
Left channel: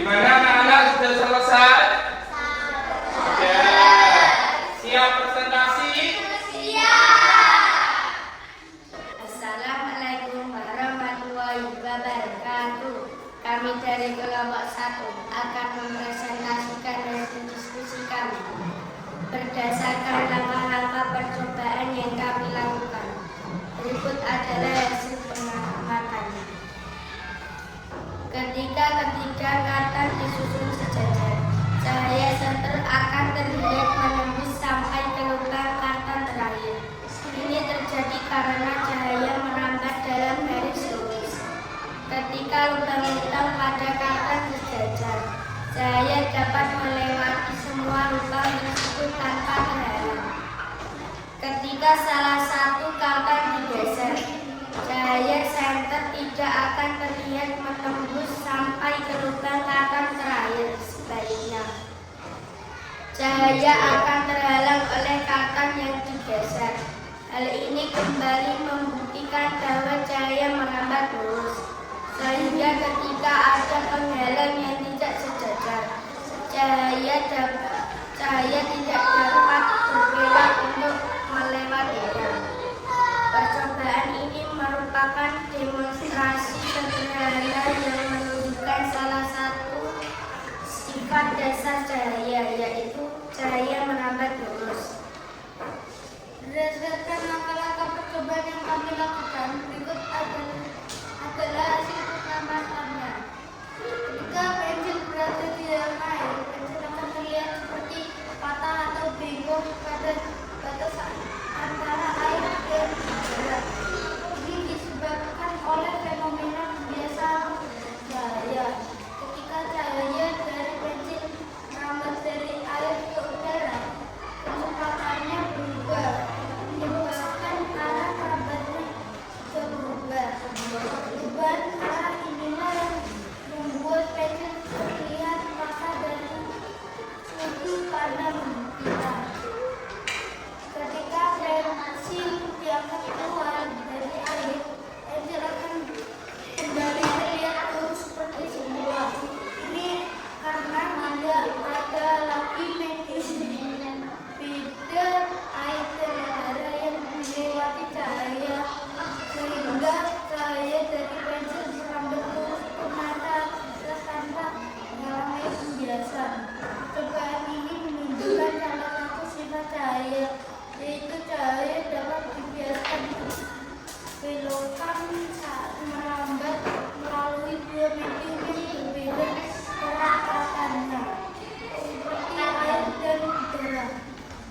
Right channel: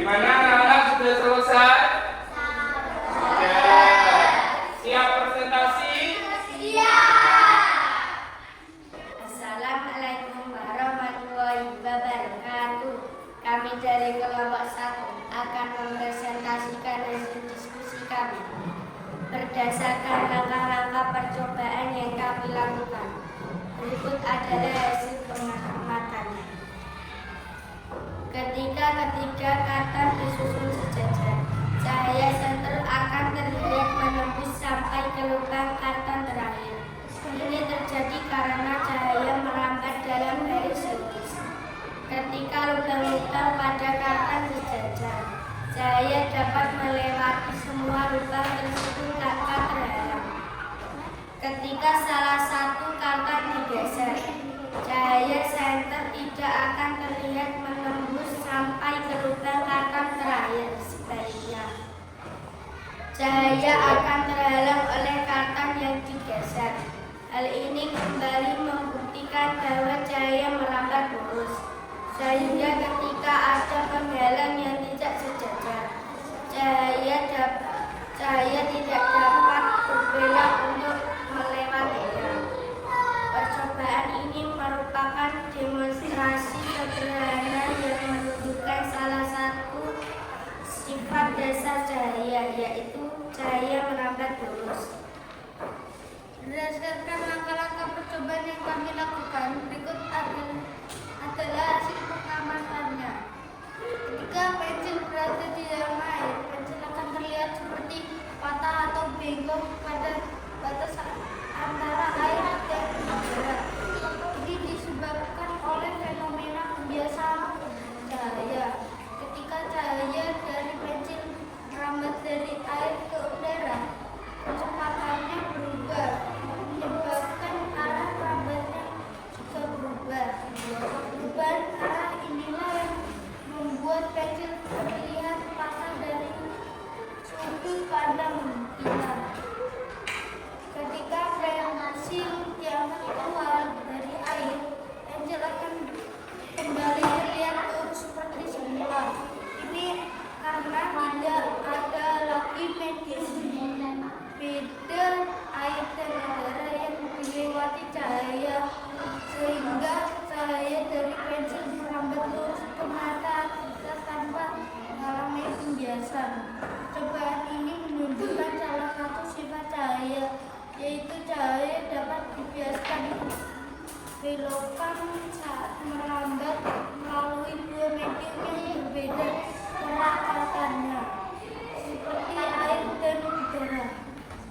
Gimana anak-anak, sudah selesai? Ya. Siap presentasi? Assalamualaikum warahmatullahi wabarakatuh. Kami dari kelompok 1 akan mempresentasikan hasil diskusi kami berdasarkan langkah-langkah percobaan yang kami lakukan. Berikut adalah hasil pengamatannya. Ketika ketiga kata disusun sejajar, cahaya senter akan terlihat menembus sampai ke lubang kata terakhir. Ini terjadi karena cahaya merambat dalam garis lurus. Ketika lubang hitam pada kata sejajar, cahaya dapat melewati semua lubang tersebut tanpa terhalang. Ketika salah satu kata digeser, cahaya senter tidak akan terlihat menembus sampai ke lubang kata terakhir. Sebaliknya, cahaya akan terhalang oleh kata yang digeser. Hal ini kembali membuktikan bahwa cahaya merambat lurus, sehingga ketika ada penghalang yang tidak sejajar, cahaya tidak dapat berbelok untuk melewatinya. Percobaan ini merupakan demonstrasi sederhana yang menunjukkan salah satu sifat dasar cahaya, yaitu cahaya merambat lurus. Berdasarkan langkah-langkah percobaan yang kami lakukan, berikut adalah hasil pengamatannya. Ketika pensil berada di dalam air, pensil akan terlihat seperti patah atau bengkok pada batas antara air dan udara. Ini disebabkan oleh fenomena pembiasaan cahaya. Ketika cahaya dari pensil merambat dari air ke udara, kecepatannya berubah, menyebabkan arah rambatnya juga berubah. Perubahan arah inilah yang membuat pensil terlihat patah dari sudut pandang kita. Ketika pensil diangkat keluar dari air, pensil akan kembali terlihat lurus seperti semula. Ini karena tidak ada lagi medium beda air dan udara yang dilewati cahaya, sehingga cahaya dari pensil merambat lurus ke mata kita tanpa mengalami pembiasan. Percobaan ini menunjukkan salah satu sifat cahaya, yaitu cahaya dapat dibiaskan belokkan saat merambat melalui dua medium yang berbeda kerapatannya, seperti air dan udara.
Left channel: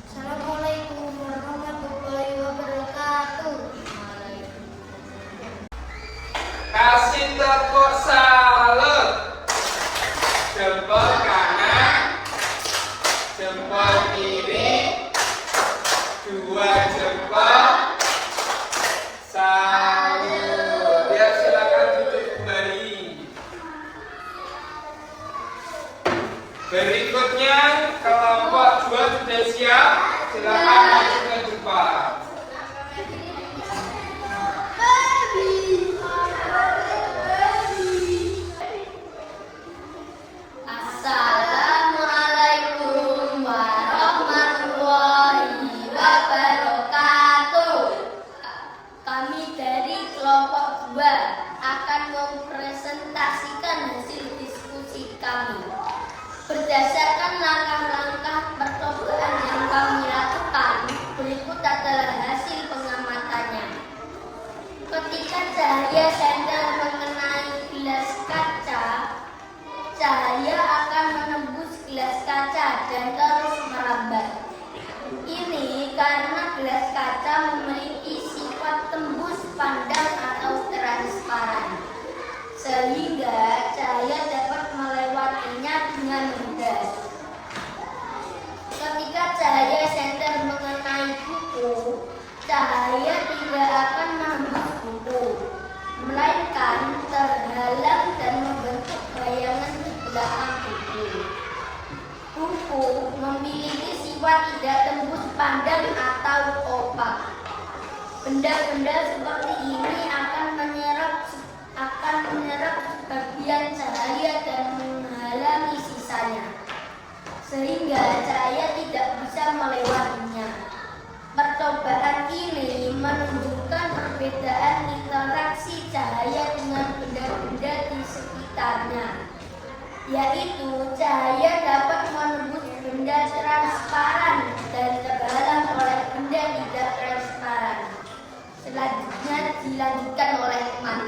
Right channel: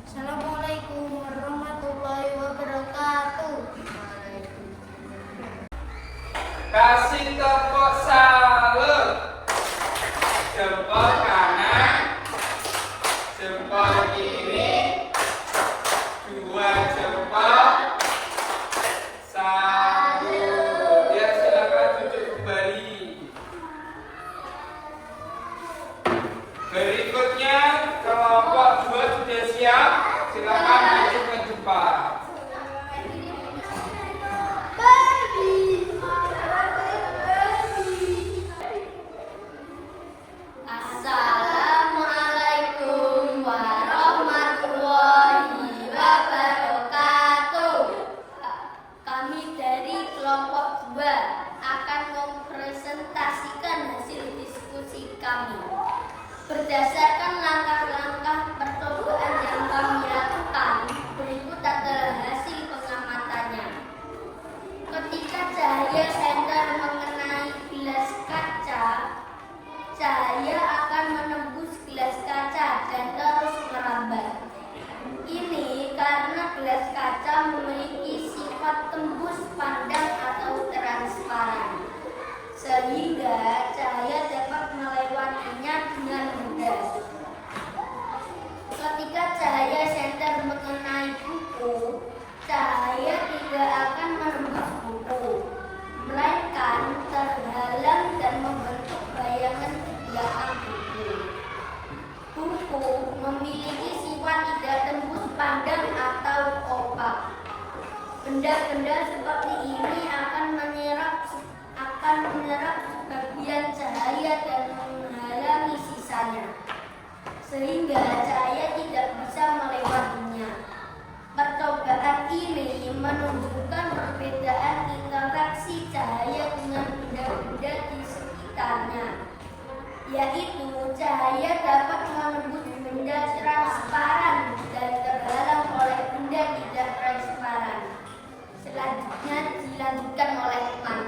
Assalamualaikum warahmatullahi wabarakatuh. Kasih tepuk salut. Jempol kanan, jempol kiri, dua jempol. Salut. Ya, silakan duduk kembali. Berikutnya kelompok 2 sudah siap. Silakan maju ke depan. Assalamualaikum warahmatullahi wabarakatuh. Kami dari kelompok 2 akan mempresentasikan hasil diskusi kami. Berdasarkan langkah-langkah percobaan yang kami lakukan, berikut adalah hasil pengamatannya. Ketika cahaya senter mengenai gelas kaca, cahaya akan menembus gelas kaca dan terus merambat. Ini karena gelas kaca memiliki sifat tembus pandang atau transparan, sehingga cahaya dapat melewatinya dengan mudah. Ketika cahaya senter mengenai buku, cahaya tidak akan menembus buku, melainkan terhalang dan membentuk bayangan di belakang buku. Buku memiliki sifat tidak tembus pandang atau opak. Benda-benda seperti ini akan menyerap sebagian cahaya dan menghalang yaitu cahaya dapat menembus benda transparan dan terhalang oleh benda tidak transparan. Selanjutnya dilanjutkan oleh teman.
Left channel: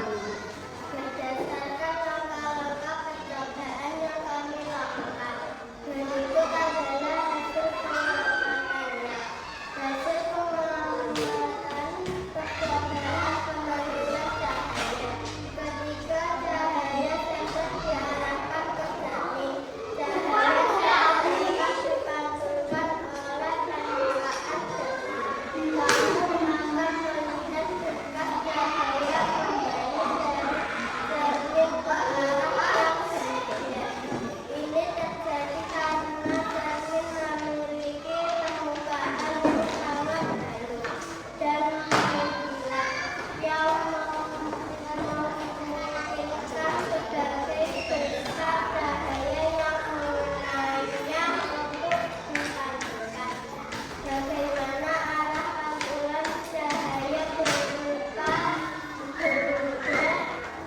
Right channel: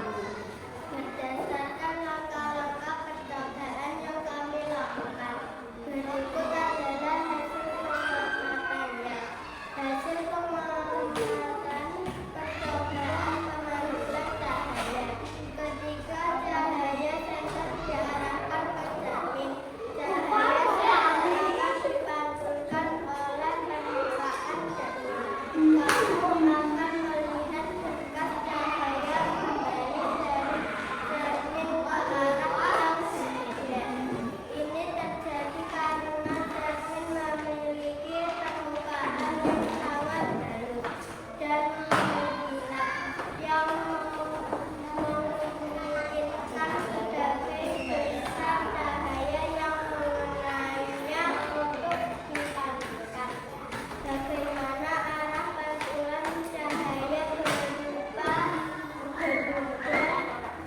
Berdasarkan langkah-langkah percobaan yang kami lakukan, berikut adalah hasil pengamatannya. Hasil pengamatan percobaan pemandulan cahaya. Ketika cahaya senter diarahkan ke cermin, cahaya senter akan dipantulkan oleh permukaan cermin. Kamu akan melihat berkas cahaya kembali dari cermin ke arah yang berbeda. Ini terjadi karena cermin memiliki permukaan yang sangat halus dan mengkilap yang memungkinkan sebagai besar cahaya yang mengenainya untuk dipantulkan. Bagaimana arah pantulan cahaya berubah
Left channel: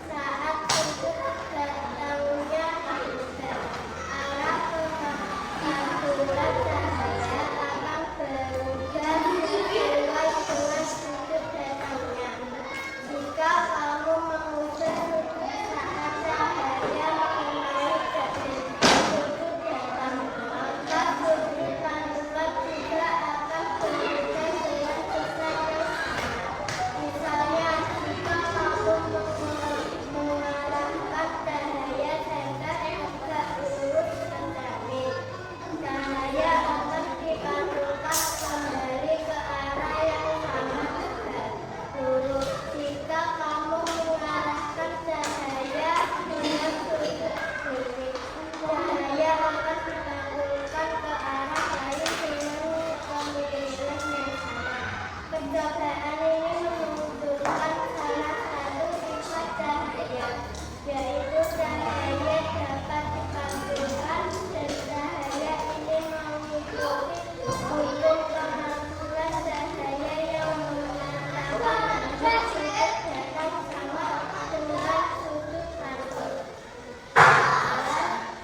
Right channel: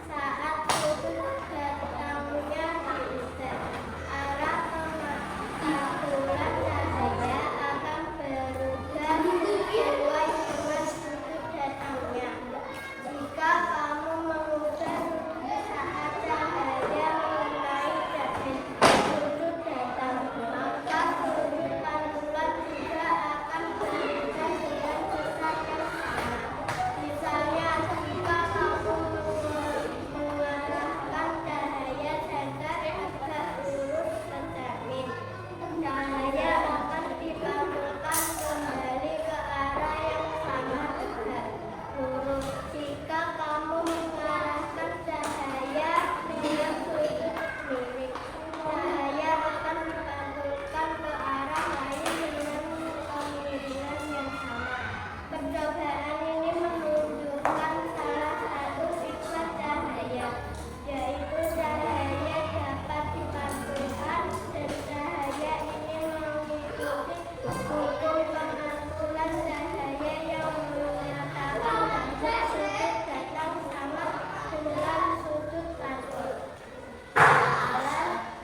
saat sudut datangnya diubah. Arah pantulan cahaya akan berubah sesuai dengan sudut datangnya. Jika kamu mengubah sudut saat cahaya mengenai sudut datang, maka sudut pantulan juga akan berubah dengan besar yang sama. Misalnya, jika kamu mengarahkan cahaya senter agak lurus ke cermin, cahaya akan dipantulkan kembali ke arah yang sama tegak lurus. Jika kamu mengarahkan cahaya dengan sudut miring, cahaya akan dipantulkan ke arah lain dengan kemiringan yang sama. Percobaan ini menunjukkan salah satu sifat cahaya, yaitu cahaya dapat dipantulkan dan cahaya ini mengikuti hukum pemantulan cahaya yang mengatakan bahwa sudut datang sama dengan sudut pantul.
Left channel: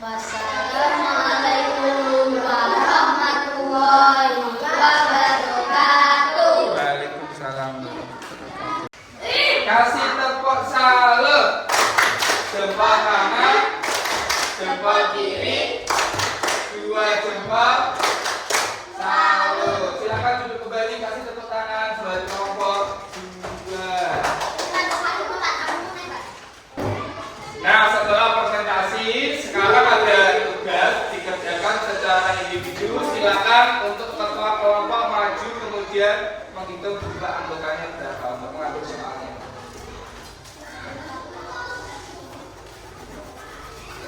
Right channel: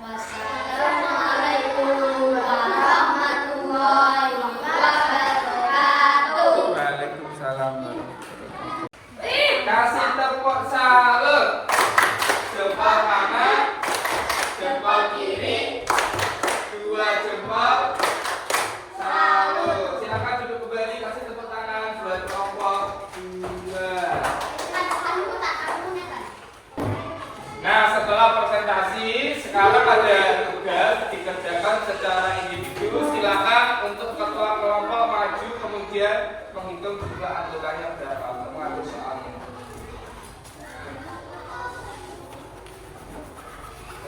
Wassalamualaikum warahmatullahi wabarakatuh. Waalaikumsalam warahmatullahi wabarakatuh. Kasih tepuk salut. Jempol kanan, jempol kiri, dua jempol. Salut. Silakan duduk kembali. Kasih tepuk tangan buat kelompok 2. Nah, setelah presentasi, sekarang ada tugas dikerjakan secara individu. Silakan untuk ketua kelompok maju kemudian menghitung jumlah anggotanya berapa untuk mengambil soalnya.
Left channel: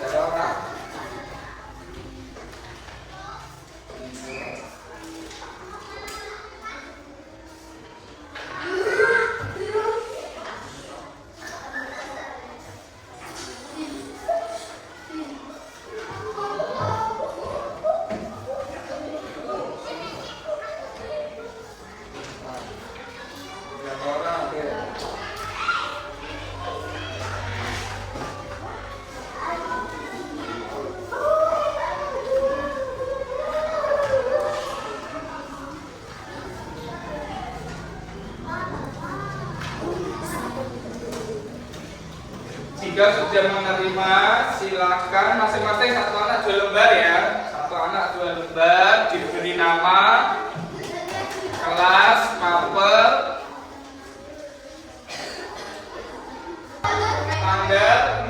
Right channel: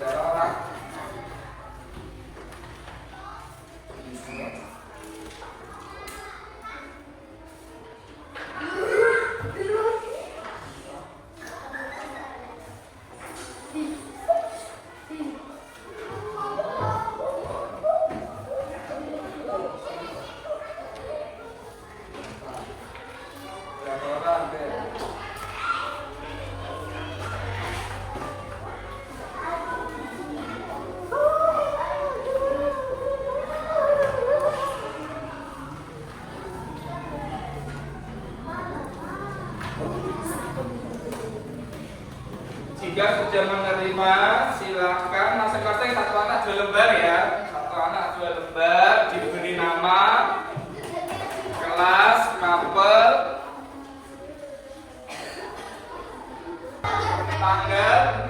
Berapa orang? Berapa orang? Jika sudah menerima, silakan masing-masing satu anak 2 lembar ya. Satu anak 2 lembar, diberi nama, kelas, mapel,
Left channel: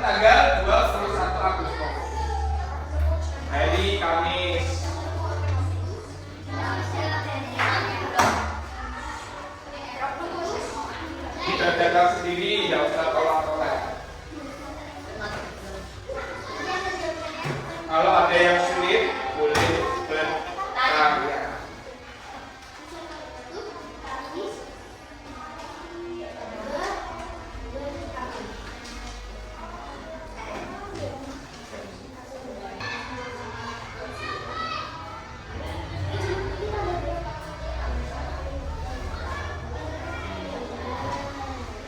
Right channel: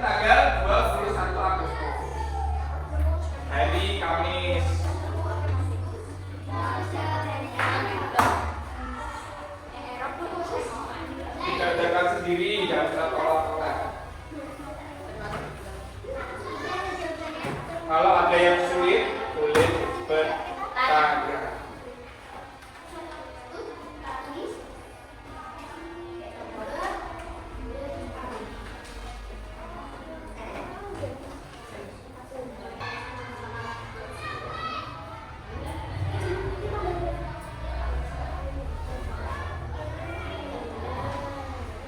tanggal 21 Agustus, hari Kamis. Dikerjakan sendiri, jangan usah tolak-tolak. Kalau ada yang sulit, boleh bertanya.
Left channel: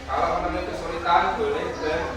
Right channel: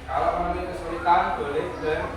Kalau memiliki kesulitan, boleh bertanya.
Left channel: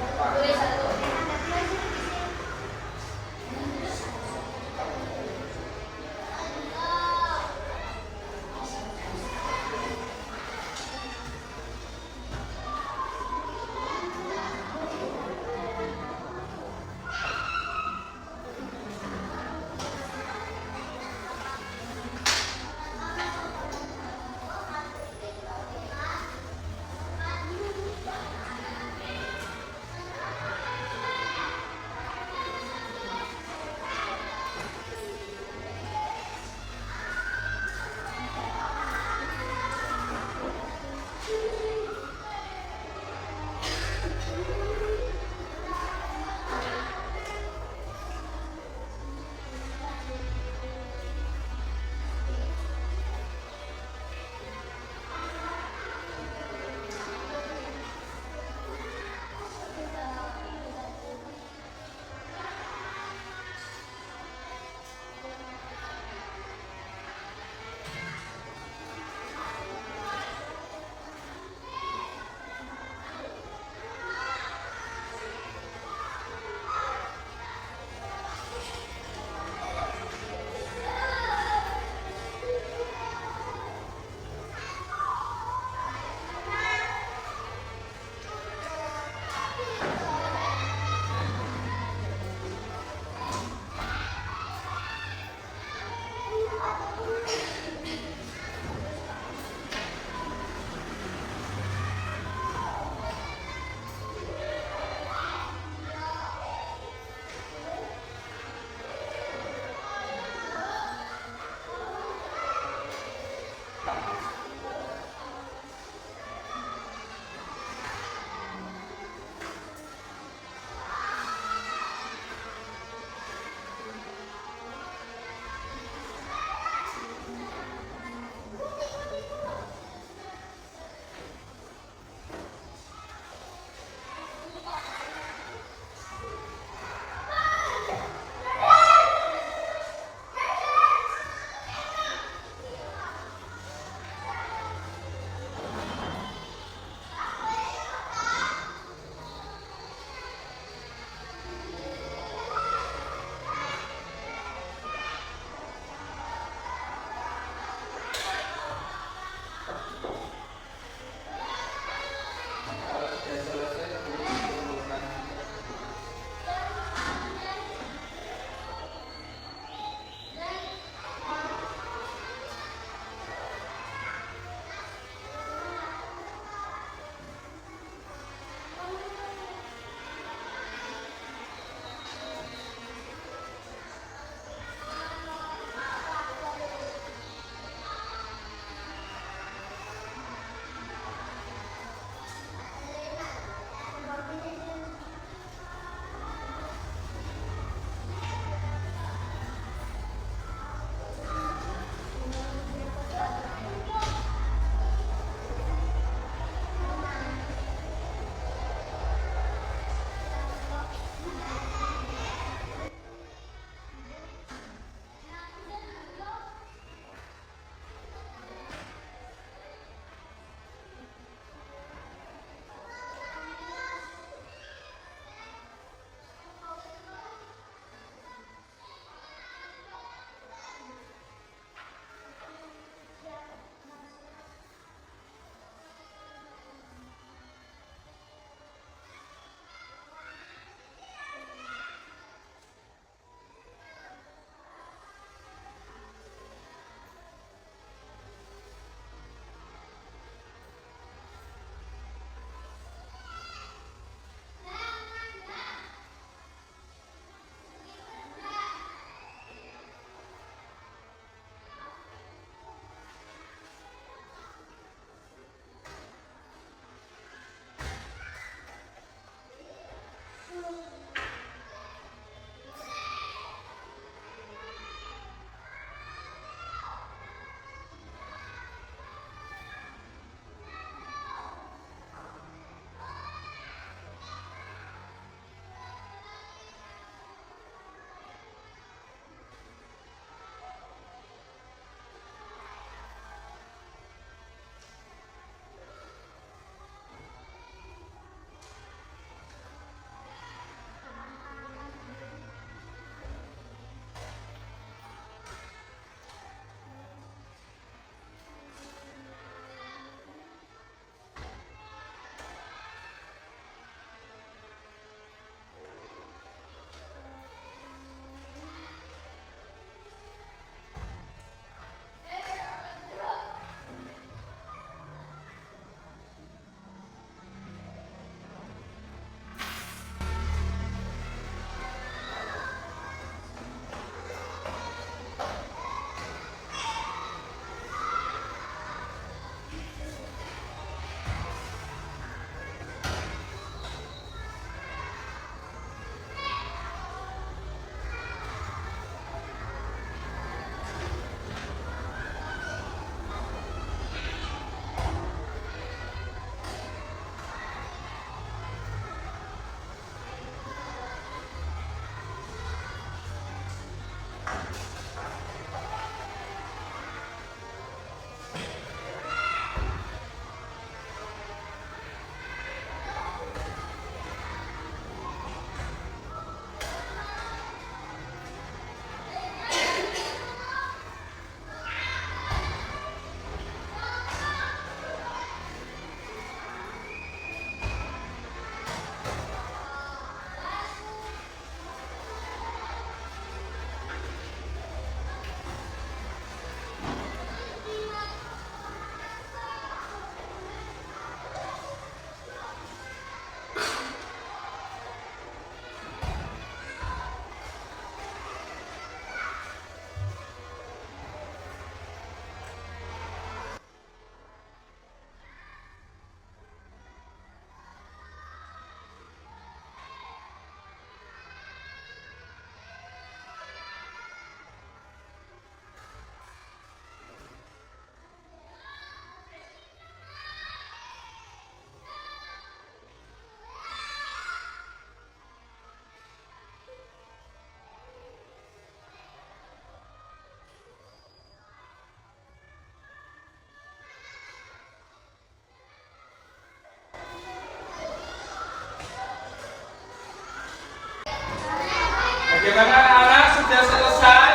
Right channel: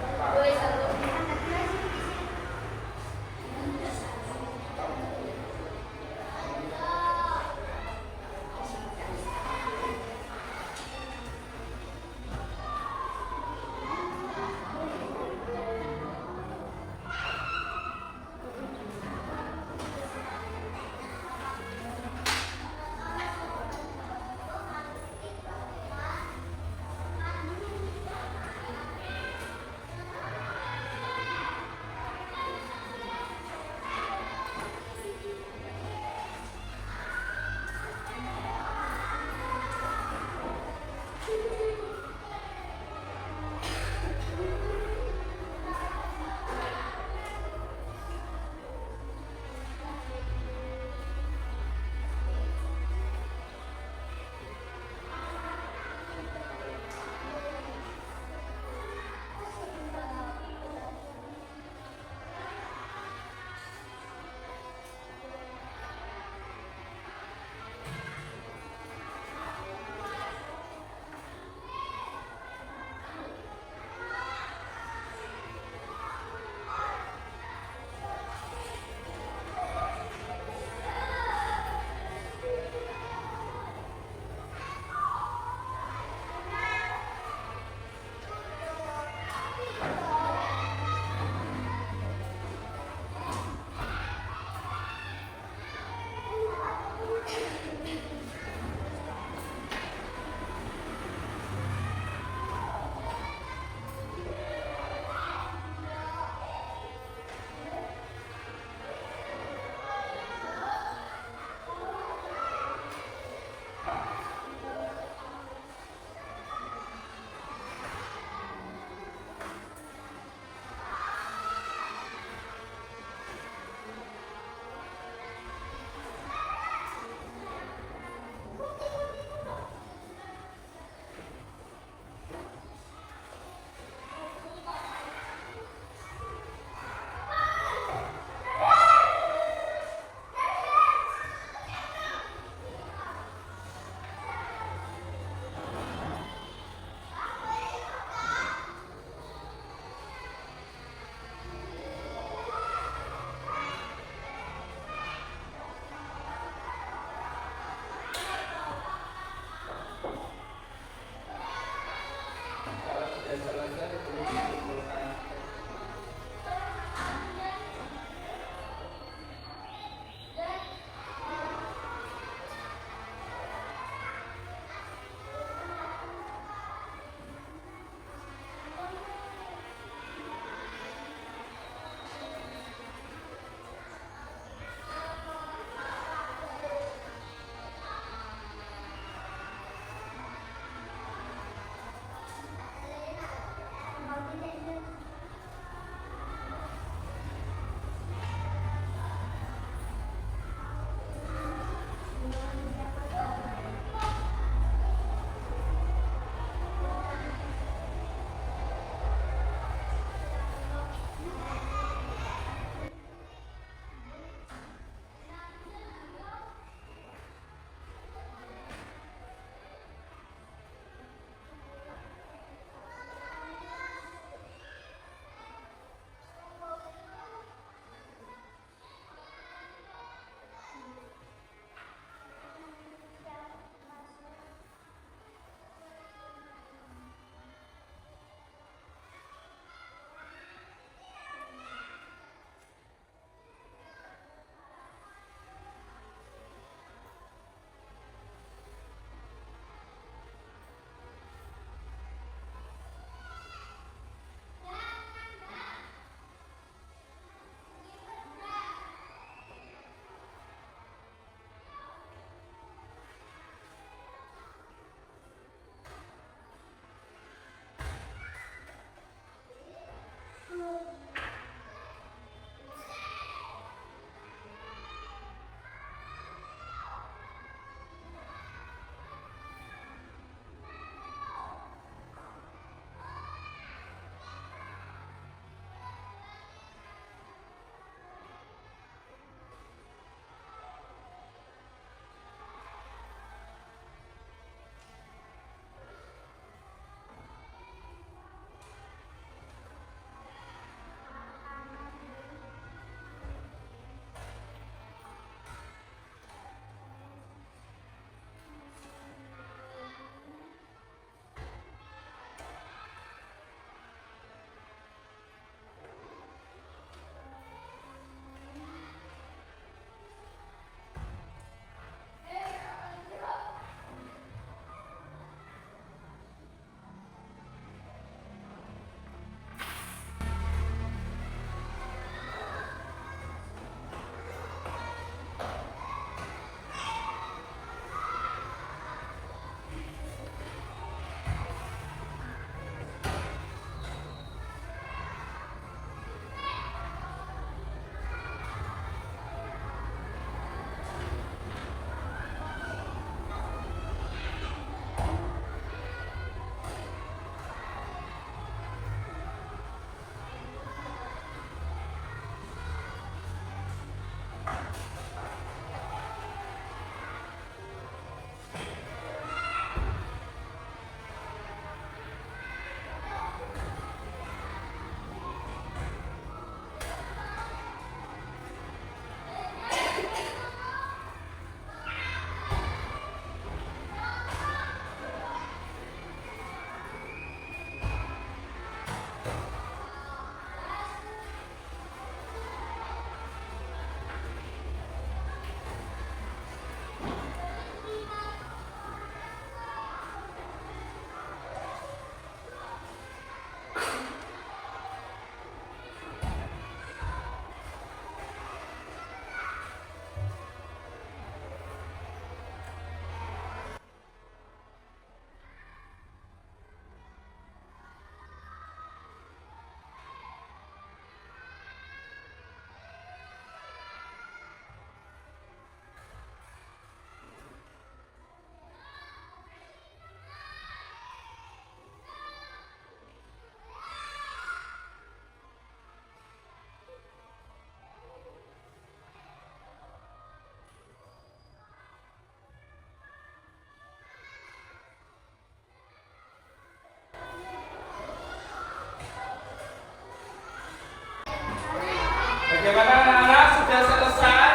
Bagaimana anak-anak, sudah selesai?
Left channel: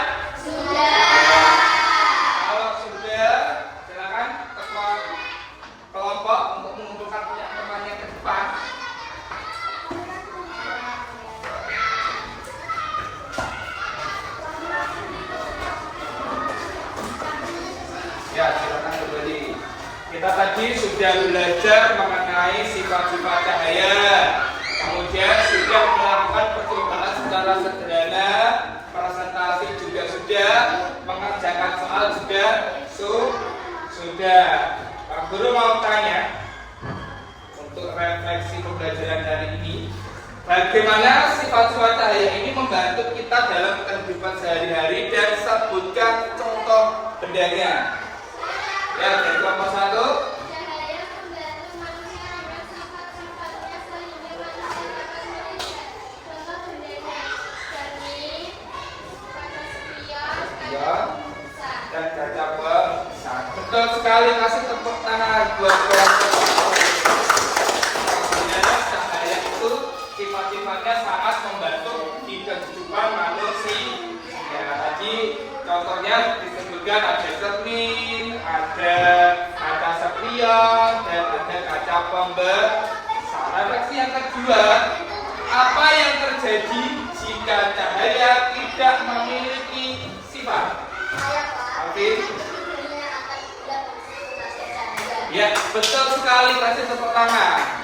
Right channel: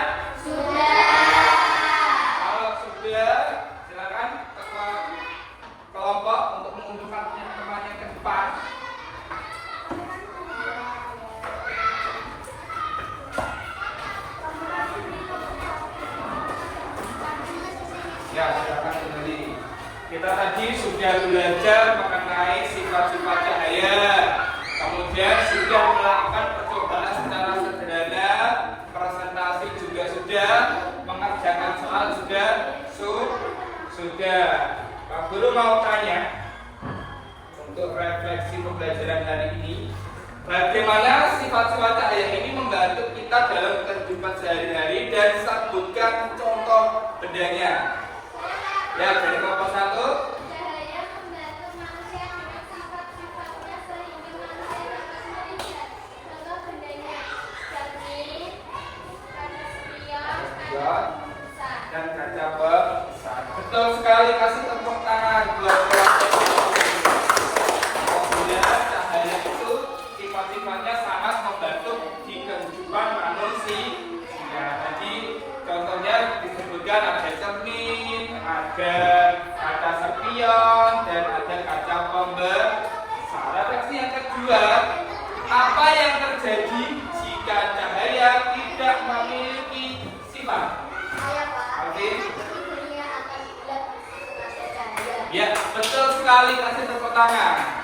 Sudah. Kalau sudah, silakan ketua kelompok untuk mengumpulkan teman-temannya ke depan. Ya, silakan kembali. Kita tadi sudah belajar mengenai sifat-sifat cahaya. Kemudian sudah melakukan percobaan secara sederhana, presentasi juga sudah, mengerjakan soal juga sudah. Pak Guru mau tanya untuk refleksi pembelajaran hari ini, bagaimana sifat-sifat cahaya ini membantu kita dalam kehidupan sehari-hari dan sebutkan contoh bendanya. Ya, dari kelompok 1. Cahaya membantu manusia dengan sifat-sifatnya sehingga manusia dapat melihat. Contoh bendanya cermin, kaca spion, besar. Dan kaca besar. Betul sekali, kasih tepuk tangan buat kelompok. Sebenarnya cahaya itu sifat-sifatnya sangat membantu di kehidupan manusia. Ya, tadi contohnya disebutkan ada cermin, ada kaca spion, dan ada kaca pembesar. Refleksi yang kedua, apa yang terjadi jika cahaya tidak memiliki sifat? Oke. Ya, betul sekali, kasih tepuk tangan.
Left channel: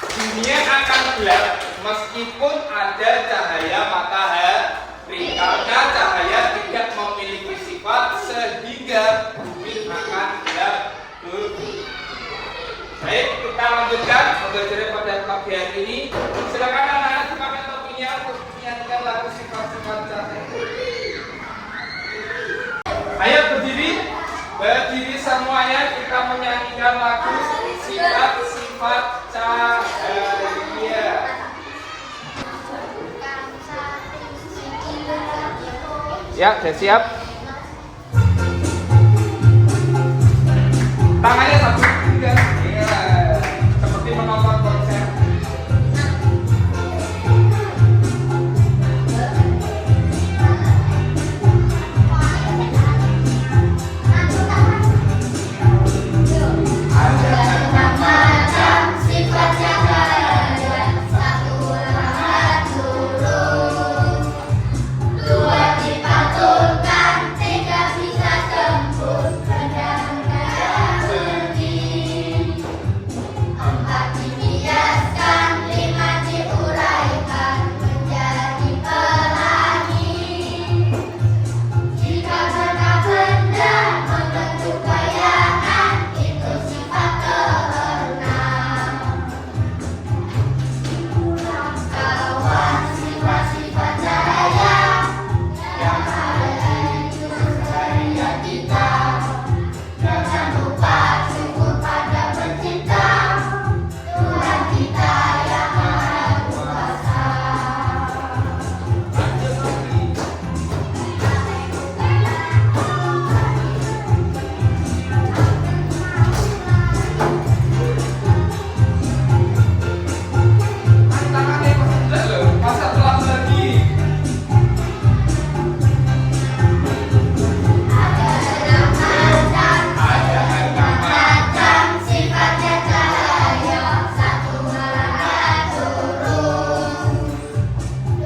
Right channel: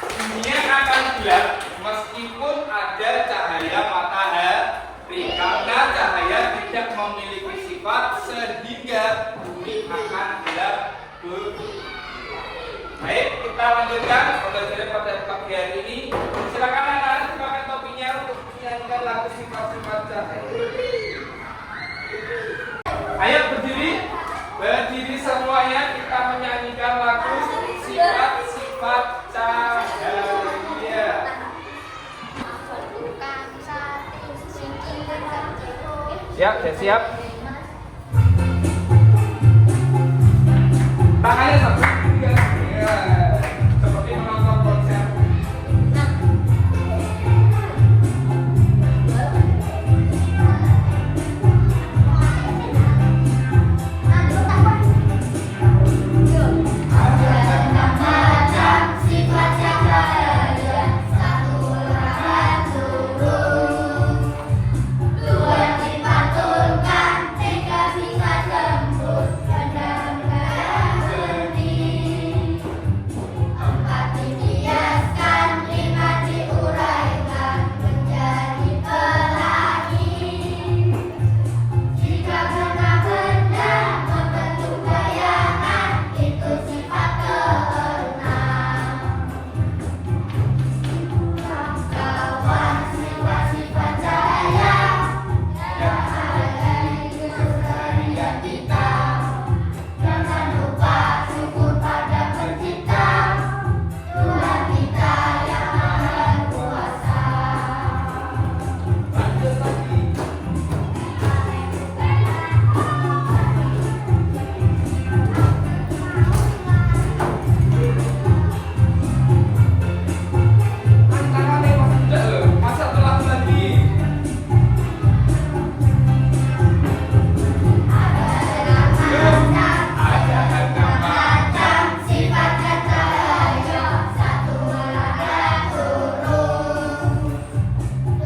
Dunia akan gelap meskipun ada cahaya matahari, karena cahaya tidak memiliki sifat sehingga bumi akan gelap dulu. Baik, kita lanjutkan pembelajaran pada pagi hari ini. Silakan anak-anak pakai topinya untuk menyanyikan lagu sifat-sifat cahaya. Ayo berdiri semuanya, kita menyanyikan lagu sifat-sifat cahaya. Ya, sudah siap? Tangannya satu juga. Iya. Seperti menonton konser. Sifat cahaya, satu lambat turun, dua dipantulkan, tiga bisa tembus benda-benda yang bening, empat dihiaskan, lima diuraikan menjadi pelangi. Jika benda-benda membentuk bayangan, itu sifat keenam. Kawan sifat-sifat cahaya yang ada di keseharian kita. Jangan lupa syukur pada Pencipta, Tuhan kita yang Maha Kuasa. Lanjut lagi. Tangannya masih enggak loh, masa telat lagi? Ada Macam sifatnya cahaya, satu lambat turun,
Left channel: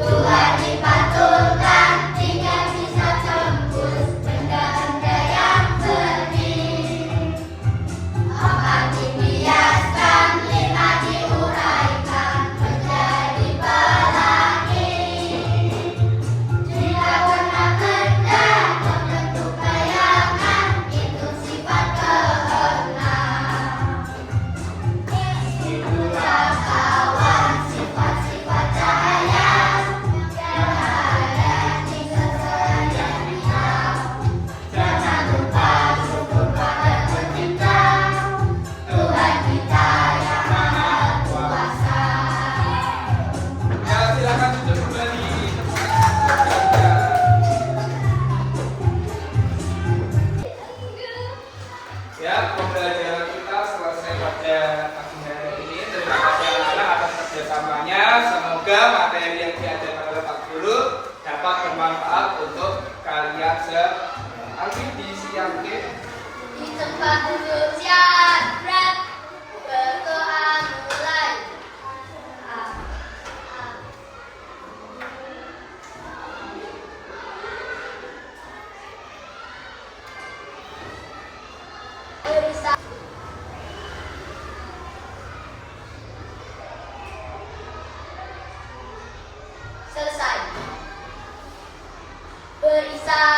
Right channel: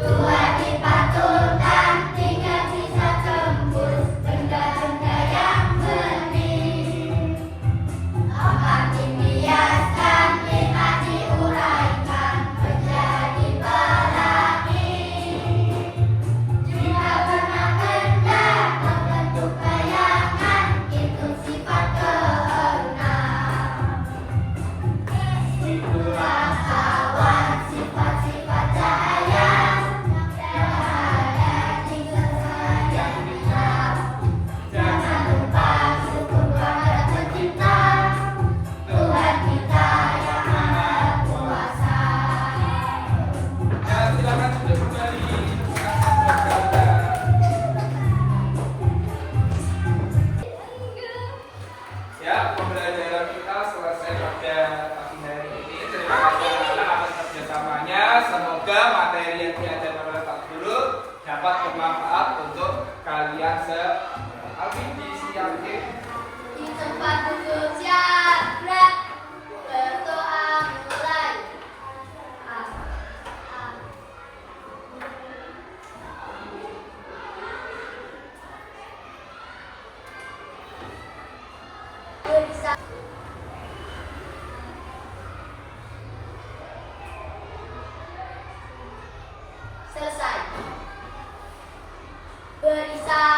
dua dipantulkan, tiga bisa tembus benda-benda yang bening, empat dihiaskan, lima diuraikan menjadi pelangi. Jika warna benda membentuk bayangan, itu sifat keenam. Itulah kawan sifat-sifat cahaya yang ada di keseharian kita. Jangan lupa syukur pada Pencipta, Tuhan kita yang Maha Kuasa. Ya, silakan duduk kembali. Ya, pembelajaran kita selesai pada pagi hari ini. Terima kasih anak-anak atas kerjasamanya. Semoga materi yang diajarkan oleh Pak Guru berisap.